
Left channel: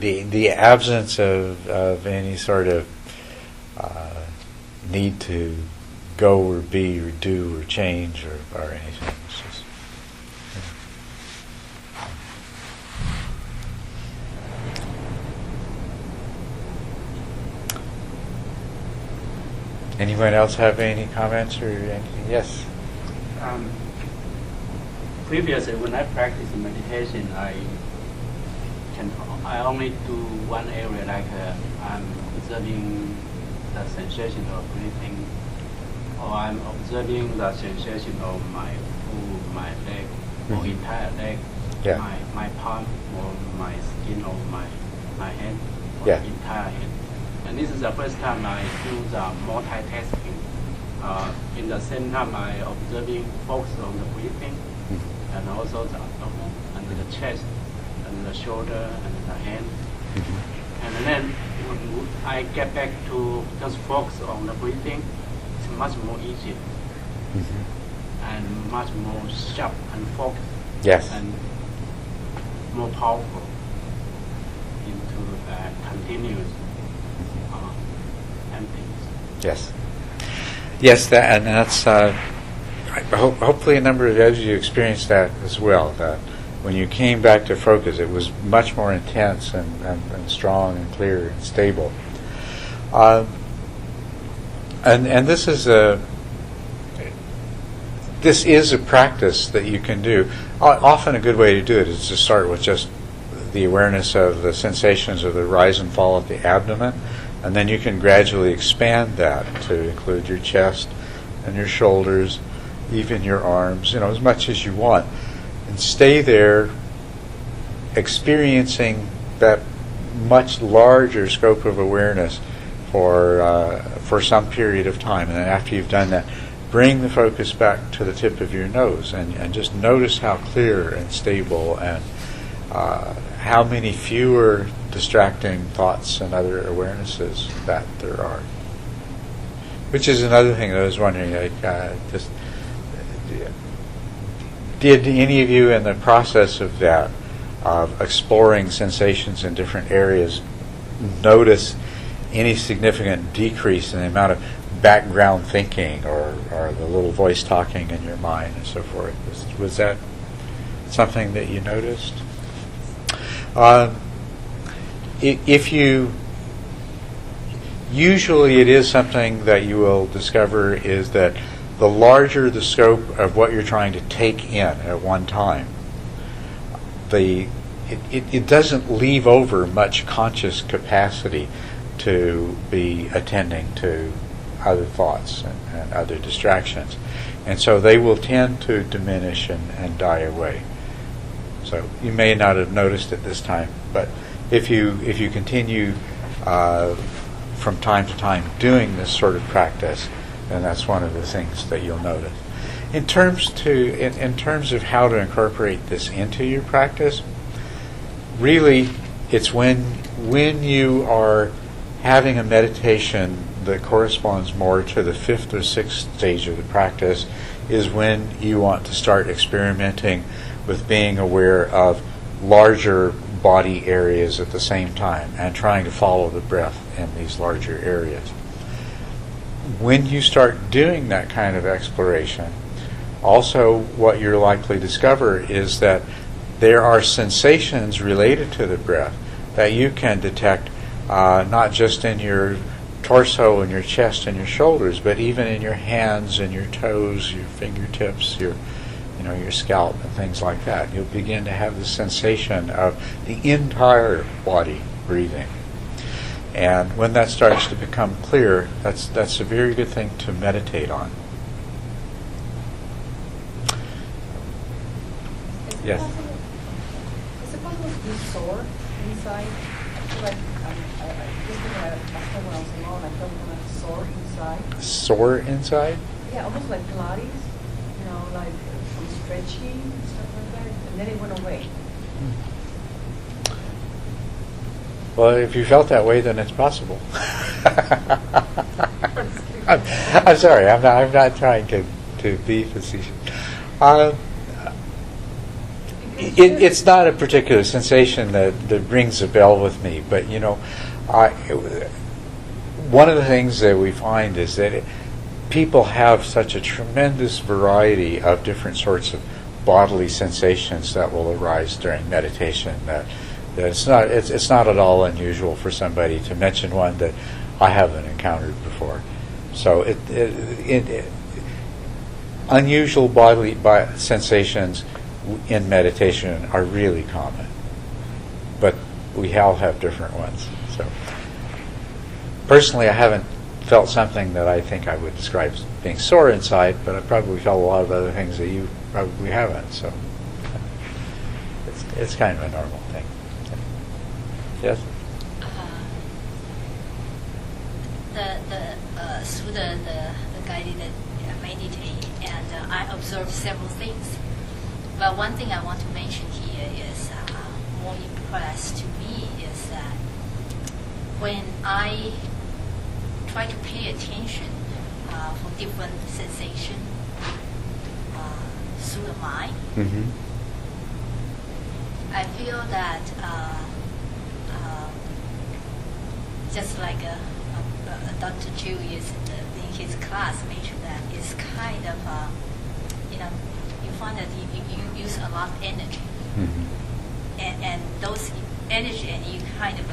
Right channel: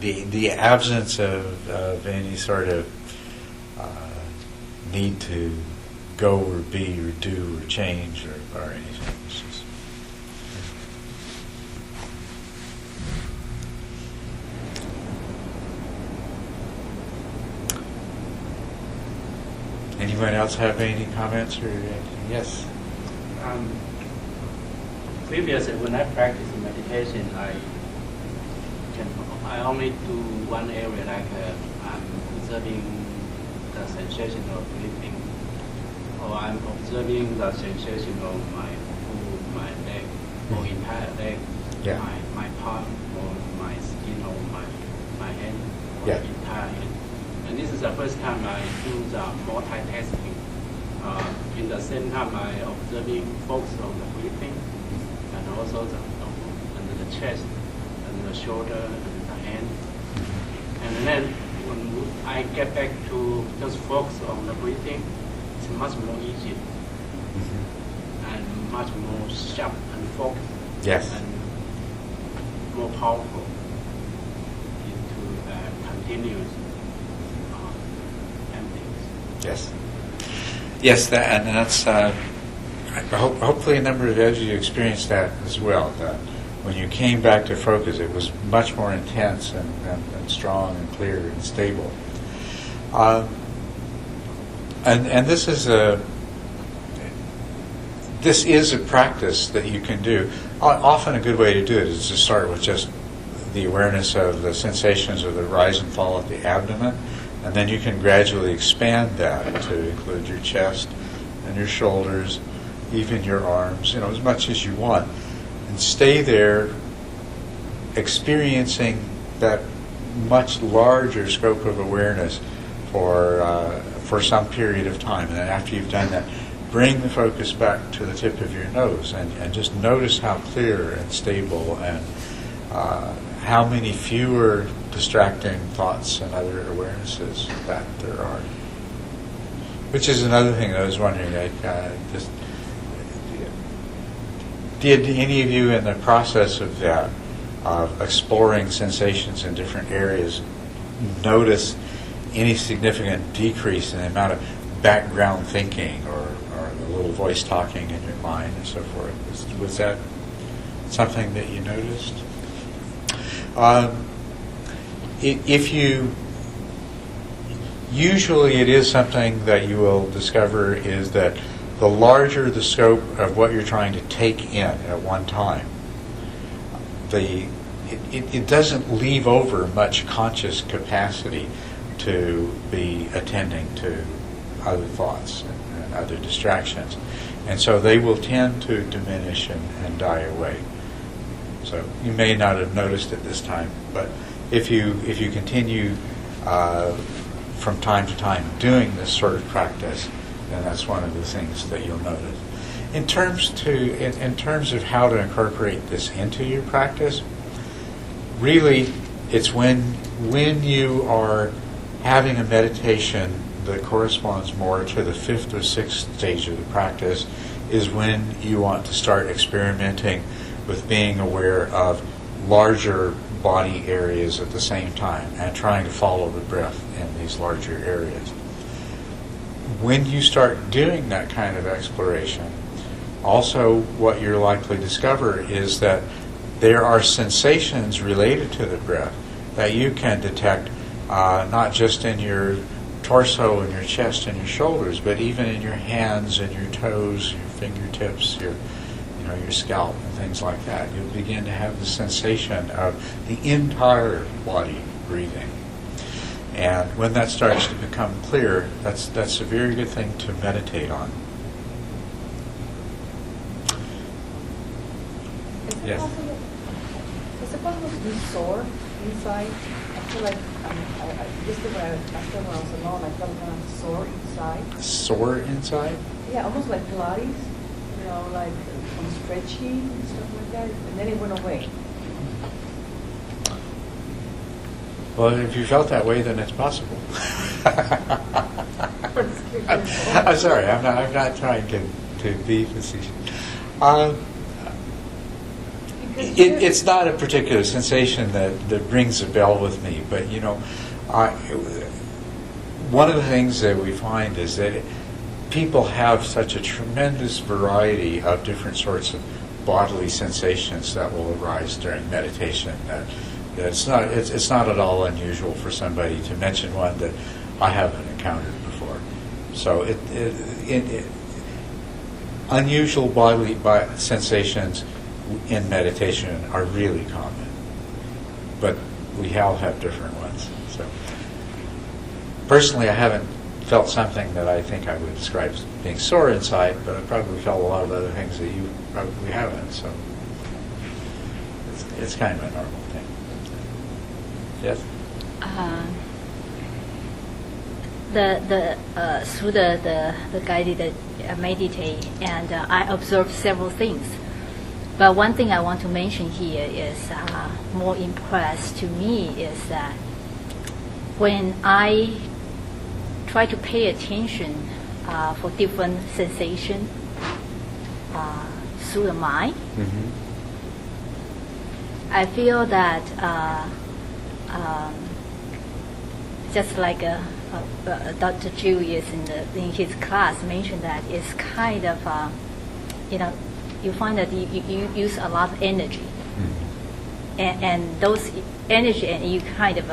The absence of any sort of need to go or be or do or change or anything. It's just, anyone else have any comments or anything? Yes. Previously, when I practice meditation, I only do one area, like I'm observing the sensation of breathing, or I'm observing the sensation of my foot, my leg, or entire leg, my palm, or my skin, or my hand, or entire hand. And this is the first time I do the multitasking. In the same time, I observing, focus on the breathing, and also the and the chest, and the shoulder, and the hand. And then when I get back to just focus on the breathing, it's much more easy and much more sharp and focused. Yes. And more powerful into continuous emptiness. Yes. Yes, that's. Hopefully, a number of you experienced that as well. That when you came back to focus, it was much more intense and strong and clear and stable. And this is a practice that you can do. Often, a good way to do it is to start with just the awareness of the sensations of the rise and fall of the abdomen. And then you can gradually expand that to include your chest and your shoulders, even your arms, as much as you want. And stay there experiencing that much larger scope of awareness for some period of time. And then after you've done that, bring the focus back to the tip of your nose and just notice how clear and stable and how many fewer distracting thoughts and other awarenesses that there are. Which is another thing that I was wondering, did any of you in the process of that, of exploring sensations in different areas, notice any significant decrease in the amount of background thinking or the little voice talking in your mind and so forth? Was that something that you noticed? Usually it is something that you will discover is that the larger the scope of what you're trying to take in at one time, it doesn't leave over much conscious capacity to be attending to other thoughts and other distractions. And so they will tend to diminish and die away. So you may not have noticed it this time, but if you continue from time to time doing this sort of practice, then that's one of the things that you'll notice. In terms of how to incorporate this into your practice, really it's when you are having a meditation that corresponds more to the fifth or sixth stage of the practice is when you want to start experimenting with being aware of larger body areas at the same time and trying to follow the breath in these larger areas. When you start doing that kind of exploration, also what you're likely to discover is that there are sensations related to the breath that you can detect not just in your torso and your chest and your shoulders, but even in your hands and your toes, your fingertips, your scalp and things like that. You'll begin to have the sensation of the entire body breathing. And when that starts to become clear, that's a very good thing to meditate on. Yes? Is it possible to be sore inside? I feel like yesterday after when I was alone, I felt kind of sore inside. Sore inside? Yeah, almost like Pilates, like from stretching and stuff like that, and then it went away. Well, if you felt that way, then it's possible. I'm sorry, I'm not trying to be facetious. It's not a particular sensation that rings a bell with me, but one of the things that we find is that people have such a tremendous variety of different sorts of bodily sensations that will arise during meditation that it's not at all unusual for somebody to mention one that I haven't encountered before. So unusual bodily sensations in meditation are really common, but we all have different ones. So personally, I haven't felt something that I think I would describe as being sore inside, but I probably felt a lot of other things that you probably haven't. So it's kind of a normal thing. Yes. Through the guided meditate, and I observed several things. But one thing I want to mention here is more impressed to me is that when I try to pay attention for different sensation through the mind, I feel that just like Dr. Julius in his class mentioned that it's kind of you find that you use a lot of energy, and those energy, and you kind of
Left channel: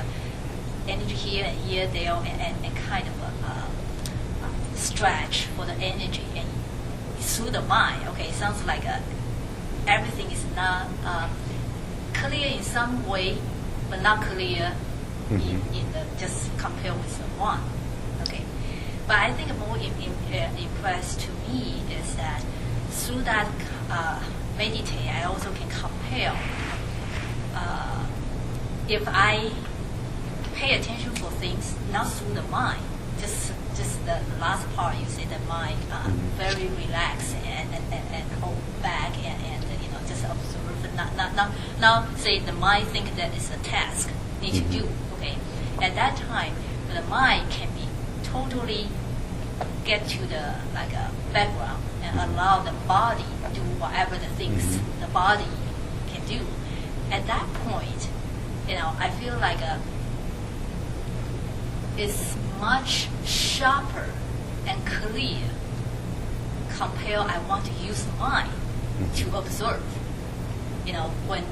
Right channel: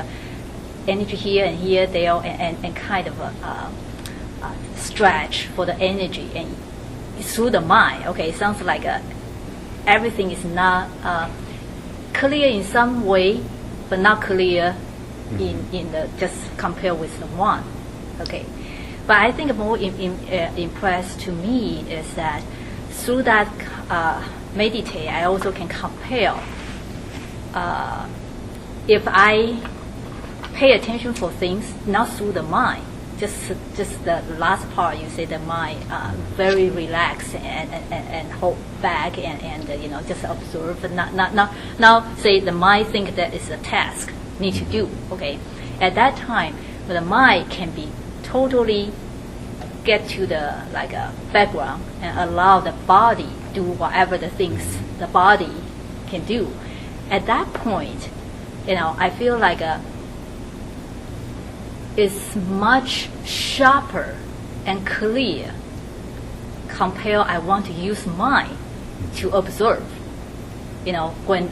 energy here and here, there, and kind of stretch for the energy and through the mind. Okay, it sounds like everything is not clear in some way, but not clear in the just compare with the one. Okay, but I think more impressed to me is that through that meditate, I also can compare. If I pay attention for things not through the mind, just the last part you say the mind very relaxed and hold back and just observe, not say the mind think that is a task need to do. Okay, at that time the mind can be totally get to the background and allow the body do whatever the things the body can do. At that point, I feel like it's much sharper and clear compare I want to use mind to observe. When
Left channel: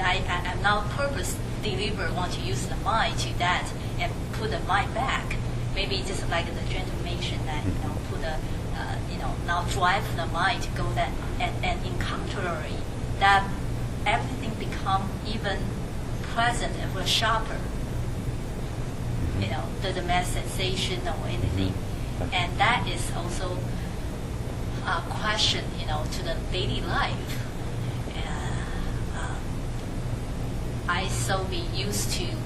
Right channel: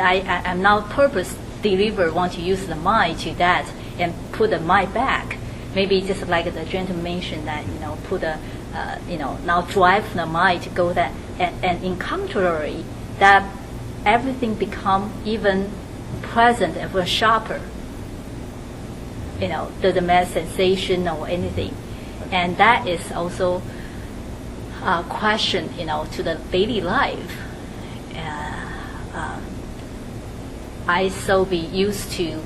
I'm now purpose deliver want to use the mind to that and put the mind back. Maybe just like the gentleman mentioned that put a now drive the mind to go that and in contrary that everything become even present and sharper. The mass sensation or anything, and that is also a question to the daily life. I so be used to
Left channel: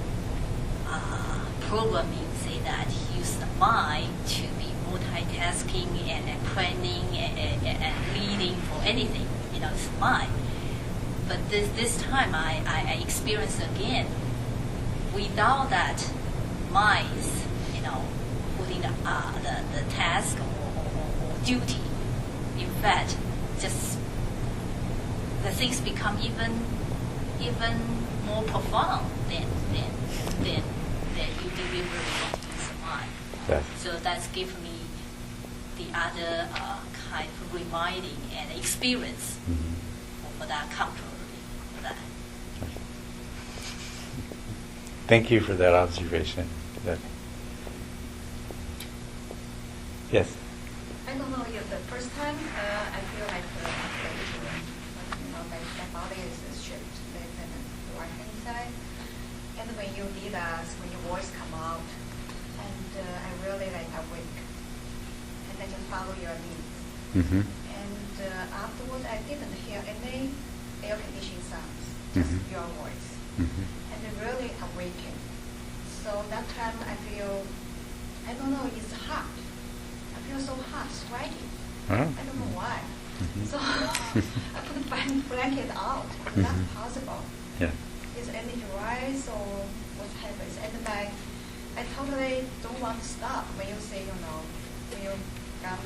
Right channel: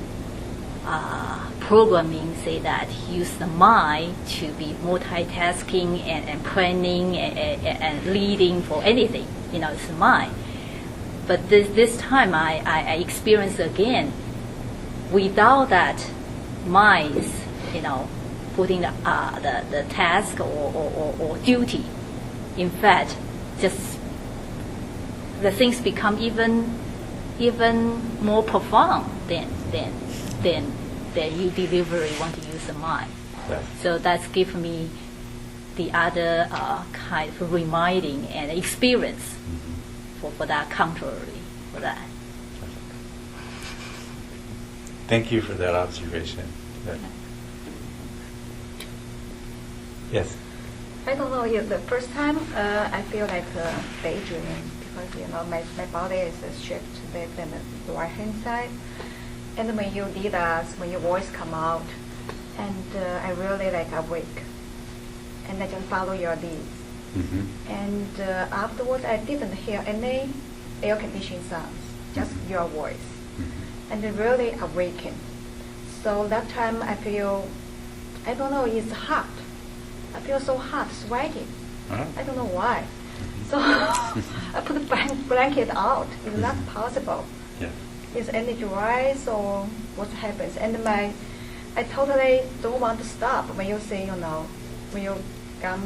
programming say that use the mind to be multitasking and planning and leading for anything. It's mind. But this time I experienced again without that mind, putting the task or duty. In fact, just the things become even more profound than you deliberately want to use the mind. Yes. So that's given me the other kind of reminding and experience for that contrary for that. Thank you for that observation. Yes. I don't know. The first time I feel like daydreaming because my body is shifted with the right hand side, and when you lead us, when your voice come out, and I really awake, and I just follow your lead. And afterwards, I didn't hear any air conditioning sounds, just your voice. And it really awakened. So that time I feel, I don't know, it's hot. I feel so hot, sweating. I don't know why. So I put the blanket out. It's not possible. Yeah. Is energy rise or what happens? And I totally don't want to stop when you say, when you come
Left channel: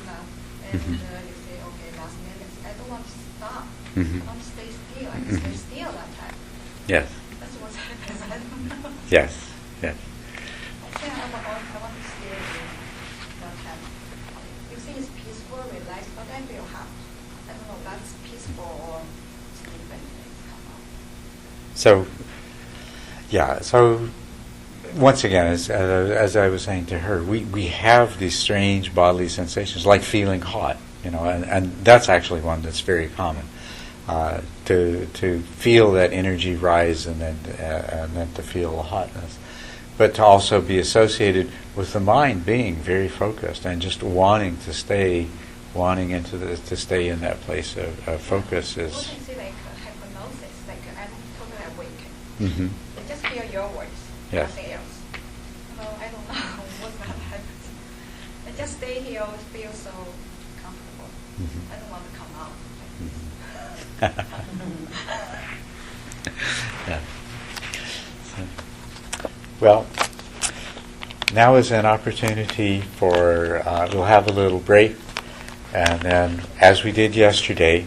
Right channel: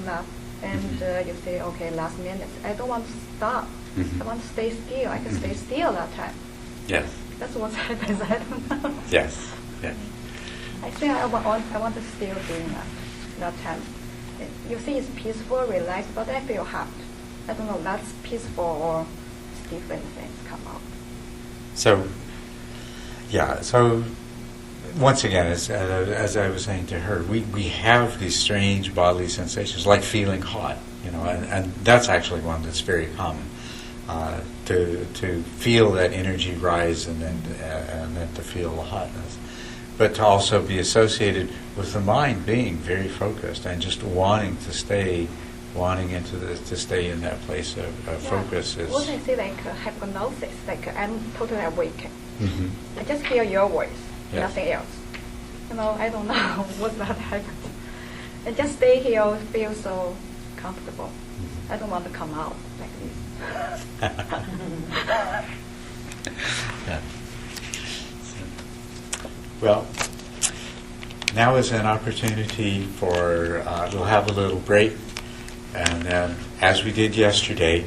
And you say, okay, last minute, I don't want to stop. Mhm. I want to stay still. I can stay still that time. Yes. That's what happens. I don't know. Yes. Yes. I think I want to stay in that time. You see, it's peaceful, relaxed, but I feel hot. I don't know, that's peaceful or different things come out. So, yeah. So, once again, as I was saying to her, we have these strange bodily sensations, like feeling hot, and that's actually one that's very common. To feel that energy rise and then to feel the hotness, but to also be associated with the mind being very focused and just wanting to stay in that place of focus is. What I say like hypnosis, like I'm totally awake. Mm-hmm. I just hear your voice, Yes. nothing else. I don't know what that happens. I just stay here, feel so comfortable. Mm-hmm. I don't want to come out like this. Yeah. Well, now is an opportunity for, we'll have a little break, and then, as we did yesterday,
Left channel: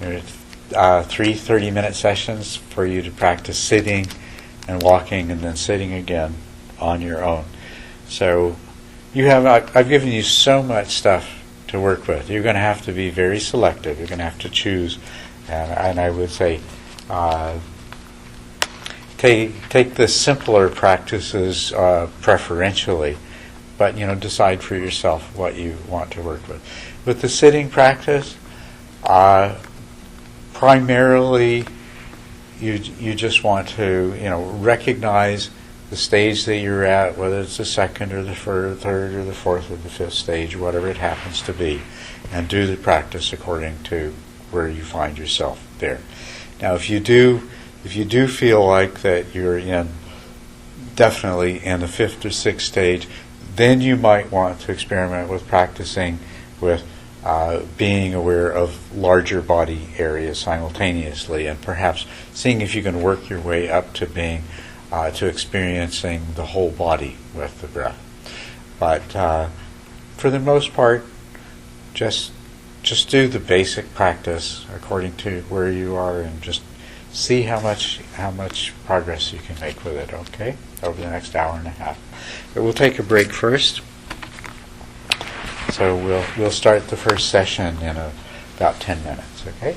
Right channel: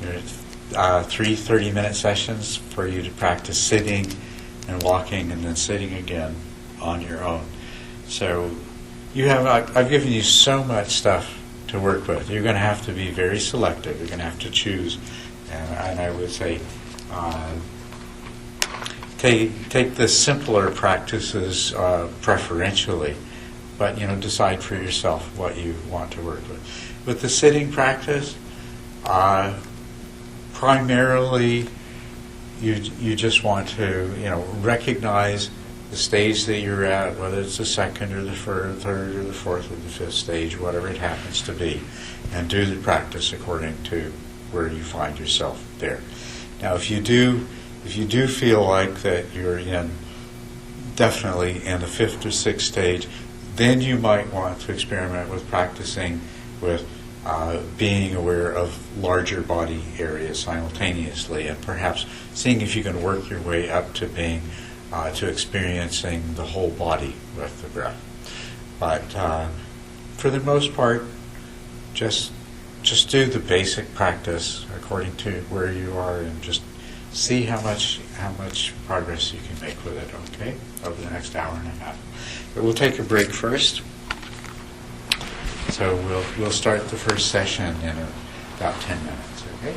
there's 3 30-minute sessions for you to practice sitting and walking and then sitting again on your own. So I've given you so much stuff to work with. You're going to have to be very selective. You're going to have to choose, and I would say take the simpler practices preferentially, but decide for yourself what you want to work with. With the sitting practice, primarily you just want to recognize the stage that you're at, whether it's the second or the third or the fourth or the fifth stage, whatever it happens to be, and do the practice according to where you find yourself there. Now, if you do feel like that you're definitely in the fifth or sixth stage, then you might want to experiment with practicing with being aware of larger body areas simultaneously, and perhaps seeing if you can work your way up to being to experiencing the whole body with the breath. But for the most part, just do the basic practice according to where you are, and just see how much progress you can make with it. Okay, over the next hour and a half. But we'll take a break first. So we'll start the first session in about 10 minutes. Okay.